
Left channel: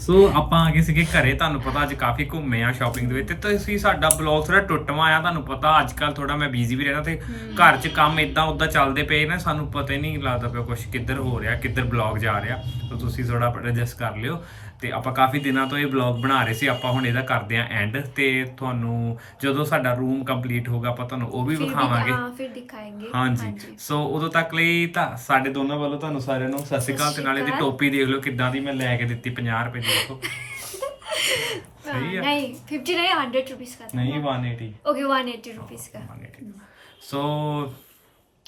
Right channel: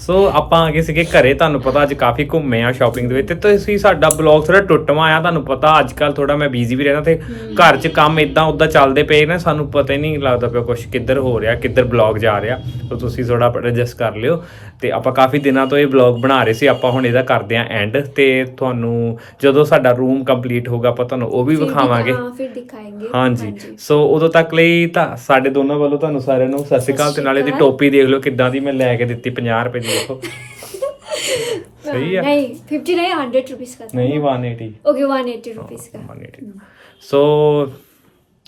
ਸੋ ਆਪਾਂ ਆ ਗਏ ਸੀਗੇ ਘਰੇ ਤੁਹਾਨੂੰ ਪਤਾ ਅੱਜ ਕਾਫੀ ਘੁੰਮੇ ਆ ਸ਼ਾਪਿੰਗ ਦੇ ਵਿੱਚ ਤੇ ਤੁਸੀਂ ਸਾਡਾ ਬਲੌਗ ਥੋੜਾ ਟੁੱਟਵਾ ਆ ਤੁਹਾਨੂੰ ਪਤਾ ਅੱਜ ਕੱਲ ਥੋੜਾ ਮੈਂ ਬਿਜ਼ੀ ਵੀ ਰਹਿਣਾ ਤੇ ਘਰ 'ਚ ਕੰਮ ਇਦਾਂ ਉਦਾਂ ਚੱਲਦੇ ਪਏ ਨੇ ਸਾਨੂੰ ਪਤਾ ਹੀ ਨਹੀਂ ਲੱਗਦਾ ਪਿਆ ਕੁਝ ਕਿੱਧਰ ਹੋ ਰਿਹਾ ਕਿੱਧਰ ਬਲੌਗ ਜਾ ਰਿਹਾ। ਸੋ ਤੁਸੀਂ ਥੋੜਾ ਐਡਜਸਟ ਕਰ ਲਿਓ। ਤੇ ਆਪਾਂ ਕਾਫੀ ਦਿਨਾਂ ਤੋਂ ਇਹ ਵਲੌਗ ਬਣਾ ਰਹੇ ਸੀ ਆਪਾਂ ਹੁਣ ਇਹਦਾ ਕਰਦੇ ਆਂ ਐਂਡ ਤੇ ਤੁਹਾਨੂੰ ਜਦੋਂ ਸਾਡਾ ਰੂਮ ਕੰਪਲੀਟ ਹੋਗਾ ਆਪਾਂ ਤੁਹਾਨੂੰ ਉਹ ਵੀ ਵਿਖਾਵਾਂਗੇ। ਹਾਂ ਫਿਰ ਦਿਖਾਏਂਗੇ। ਹਾਂਜੀ। ਸੋ ਉਦੋਂ ਤੱਕ ਲਈ ਤਾਂ ਸਾਡੇ ਦੋਨਾਂ ਵੱਲੋਂ ਤੁਹਾਨੂੰ ਸਾਰਿਆਂ ਨੂੰ ਸਤਿ ਸ਼੍ਰੀ ਅਕਾਲ ਤੇ ਨਾਲੇ ਦੀ ਟੋਪੀ ਦੇਖ ਲਓ ਕਿੱਦਾਂ ਦੀ ਮੈਂ ਲੈ ਕੇ ਦਿੱਤੀ 50 ਰੁਪਏ ਦੀ ਦੇਖੋ। ਸਹੀ ਹੈ ਨਹੀਂ 50 ਨਹੀਂ 100 ਰੁਪਏ ਦਾ ਨਹੀਂ 180 ਓਕੇ 180 ਰੁਪਏ ਦਾ 180 ਸੋ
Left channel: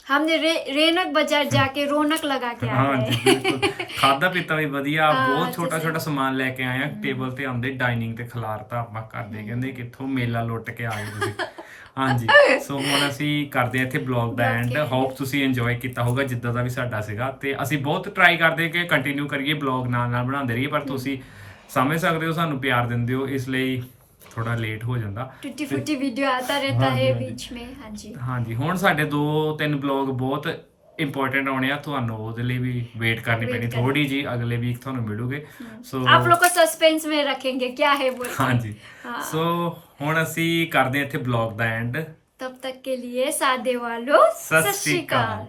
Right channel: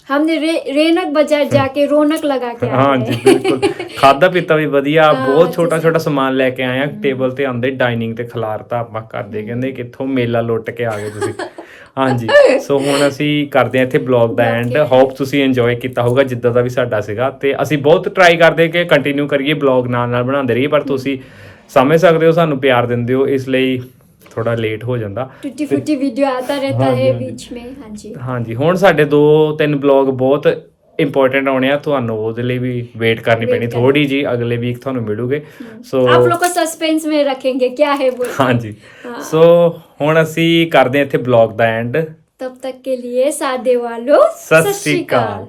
हमने रे, रेनक बाजार जाके रौनक लगा के आए ਹਾਂਜੀ हैं। ਬਿਲਕੁਲ ਖਾਦਾ ਪੀਤਾ ਵੀ ਵਧੀਆ ਹਾਂ, ਬਹੁਤ ਛੋਟਾ ਜਿਸ- ਛੋਟਾ ਸਮਾਨ ਲੈ ਕੇ ਆਏ ਆ ਟੇਬਲ ਤੇ ਆਂਦੇ ਡਾਈਨਿੰਗ ਤੇ ਖਿਲਾਰਤਾ ਆਪਾਂ ਕਰਦੇ ਕਹਿੰਦੇ ਕਿੱਥੋਂ ਮੇਲਾ ਲੁੱਟ ਕੇ ਆ ਗਏ ਤੁਸੀਂ ਹਾਂਜੀ ਸੋ ਹੁਣ ਅਸੀਂ ਕਰਦੇ ਆ ਇੱਥੇ ਬਲੌਗ ਦਾ ਐਂਡ ਹੋਪ ਤੁਸੀਂ ਇੰਜੋਏ ਕੀਤਾ ਹੋਊਗਾ ਜਿੱਦਾਂ ਦਾ ਵੀ ਸਾਡਾ ਸੀਗਾ ਤੇ ਅਸੀਂ ਬਹੁਤ ਟਰਾਈ ਕਰਦੇ ਕਿ ਕੰਟੀਨਿਊ ਕਰੀਏ ਬਲੌਗ ਨਾਲ ਨਾਲ ਬਣਾਉਂਦੇ ਰਹੀਏ ਪਰ ਤੁਸੀਂ ਸਮਝ ਸਕਦੇ ਹੋ ਸਾਨੂੰ ਪਿਆਰ ਦਿੰਦੇ ਹੋ ਇਸ ਲਈ ਥੋੜਾ ਲੇਟ ਹੋ ਜਾਂਦਾ। ਟੁੱਟੀ ਫੁੱਟੀ ਵੀਡੀਓ ਆਤਾ ਰਹਤਾ ਹੈ ਵਿੱਚ ਮੇ ਹਾਂਜੀ। ਹਾਂਜੀ ਹੁਣ ਸਾਡੇ ਦੋ ਤਿੰਨ ਬਲੌਗ ਬਹੁਤ ਇੰਪੋਰਟੈਂਟ ਆਉਣੇ ਆ ਤੁਹਾਨੂੰ ਉਹਦੇ ਲਈ ਵੀ ਵੇਟ ਕਰਨੀ ਪੈਣੀ ਥੋੜੀ ਜੀ ਅਗਲੇ ਵੀਕ ਤੁਹਾਨੂੰ ਮਿਲੂਗੇ। ਸੋ ਆਪ ਲੋਕੋ ਸਸਪੈਂਸ ਮੇ ਰੱਖेंगे ਕੀ ਹੈ ਬੋਲ। ਹਾਂਜੀ। ਸੋ ਹੁਣ ਅਸੀਂ ਕਰਦੇ ਹਾਂ ਇੱਥੇ ਬਲੌਗ ਦਾ ਐਂਡ ਤਬ ਤੱਕ ਕੇ ਲਈ ਸਾਦੇ ਵਾਲੋ ਸਤਿ ਸ਼੍ਰੀ ਅਕਾਲ।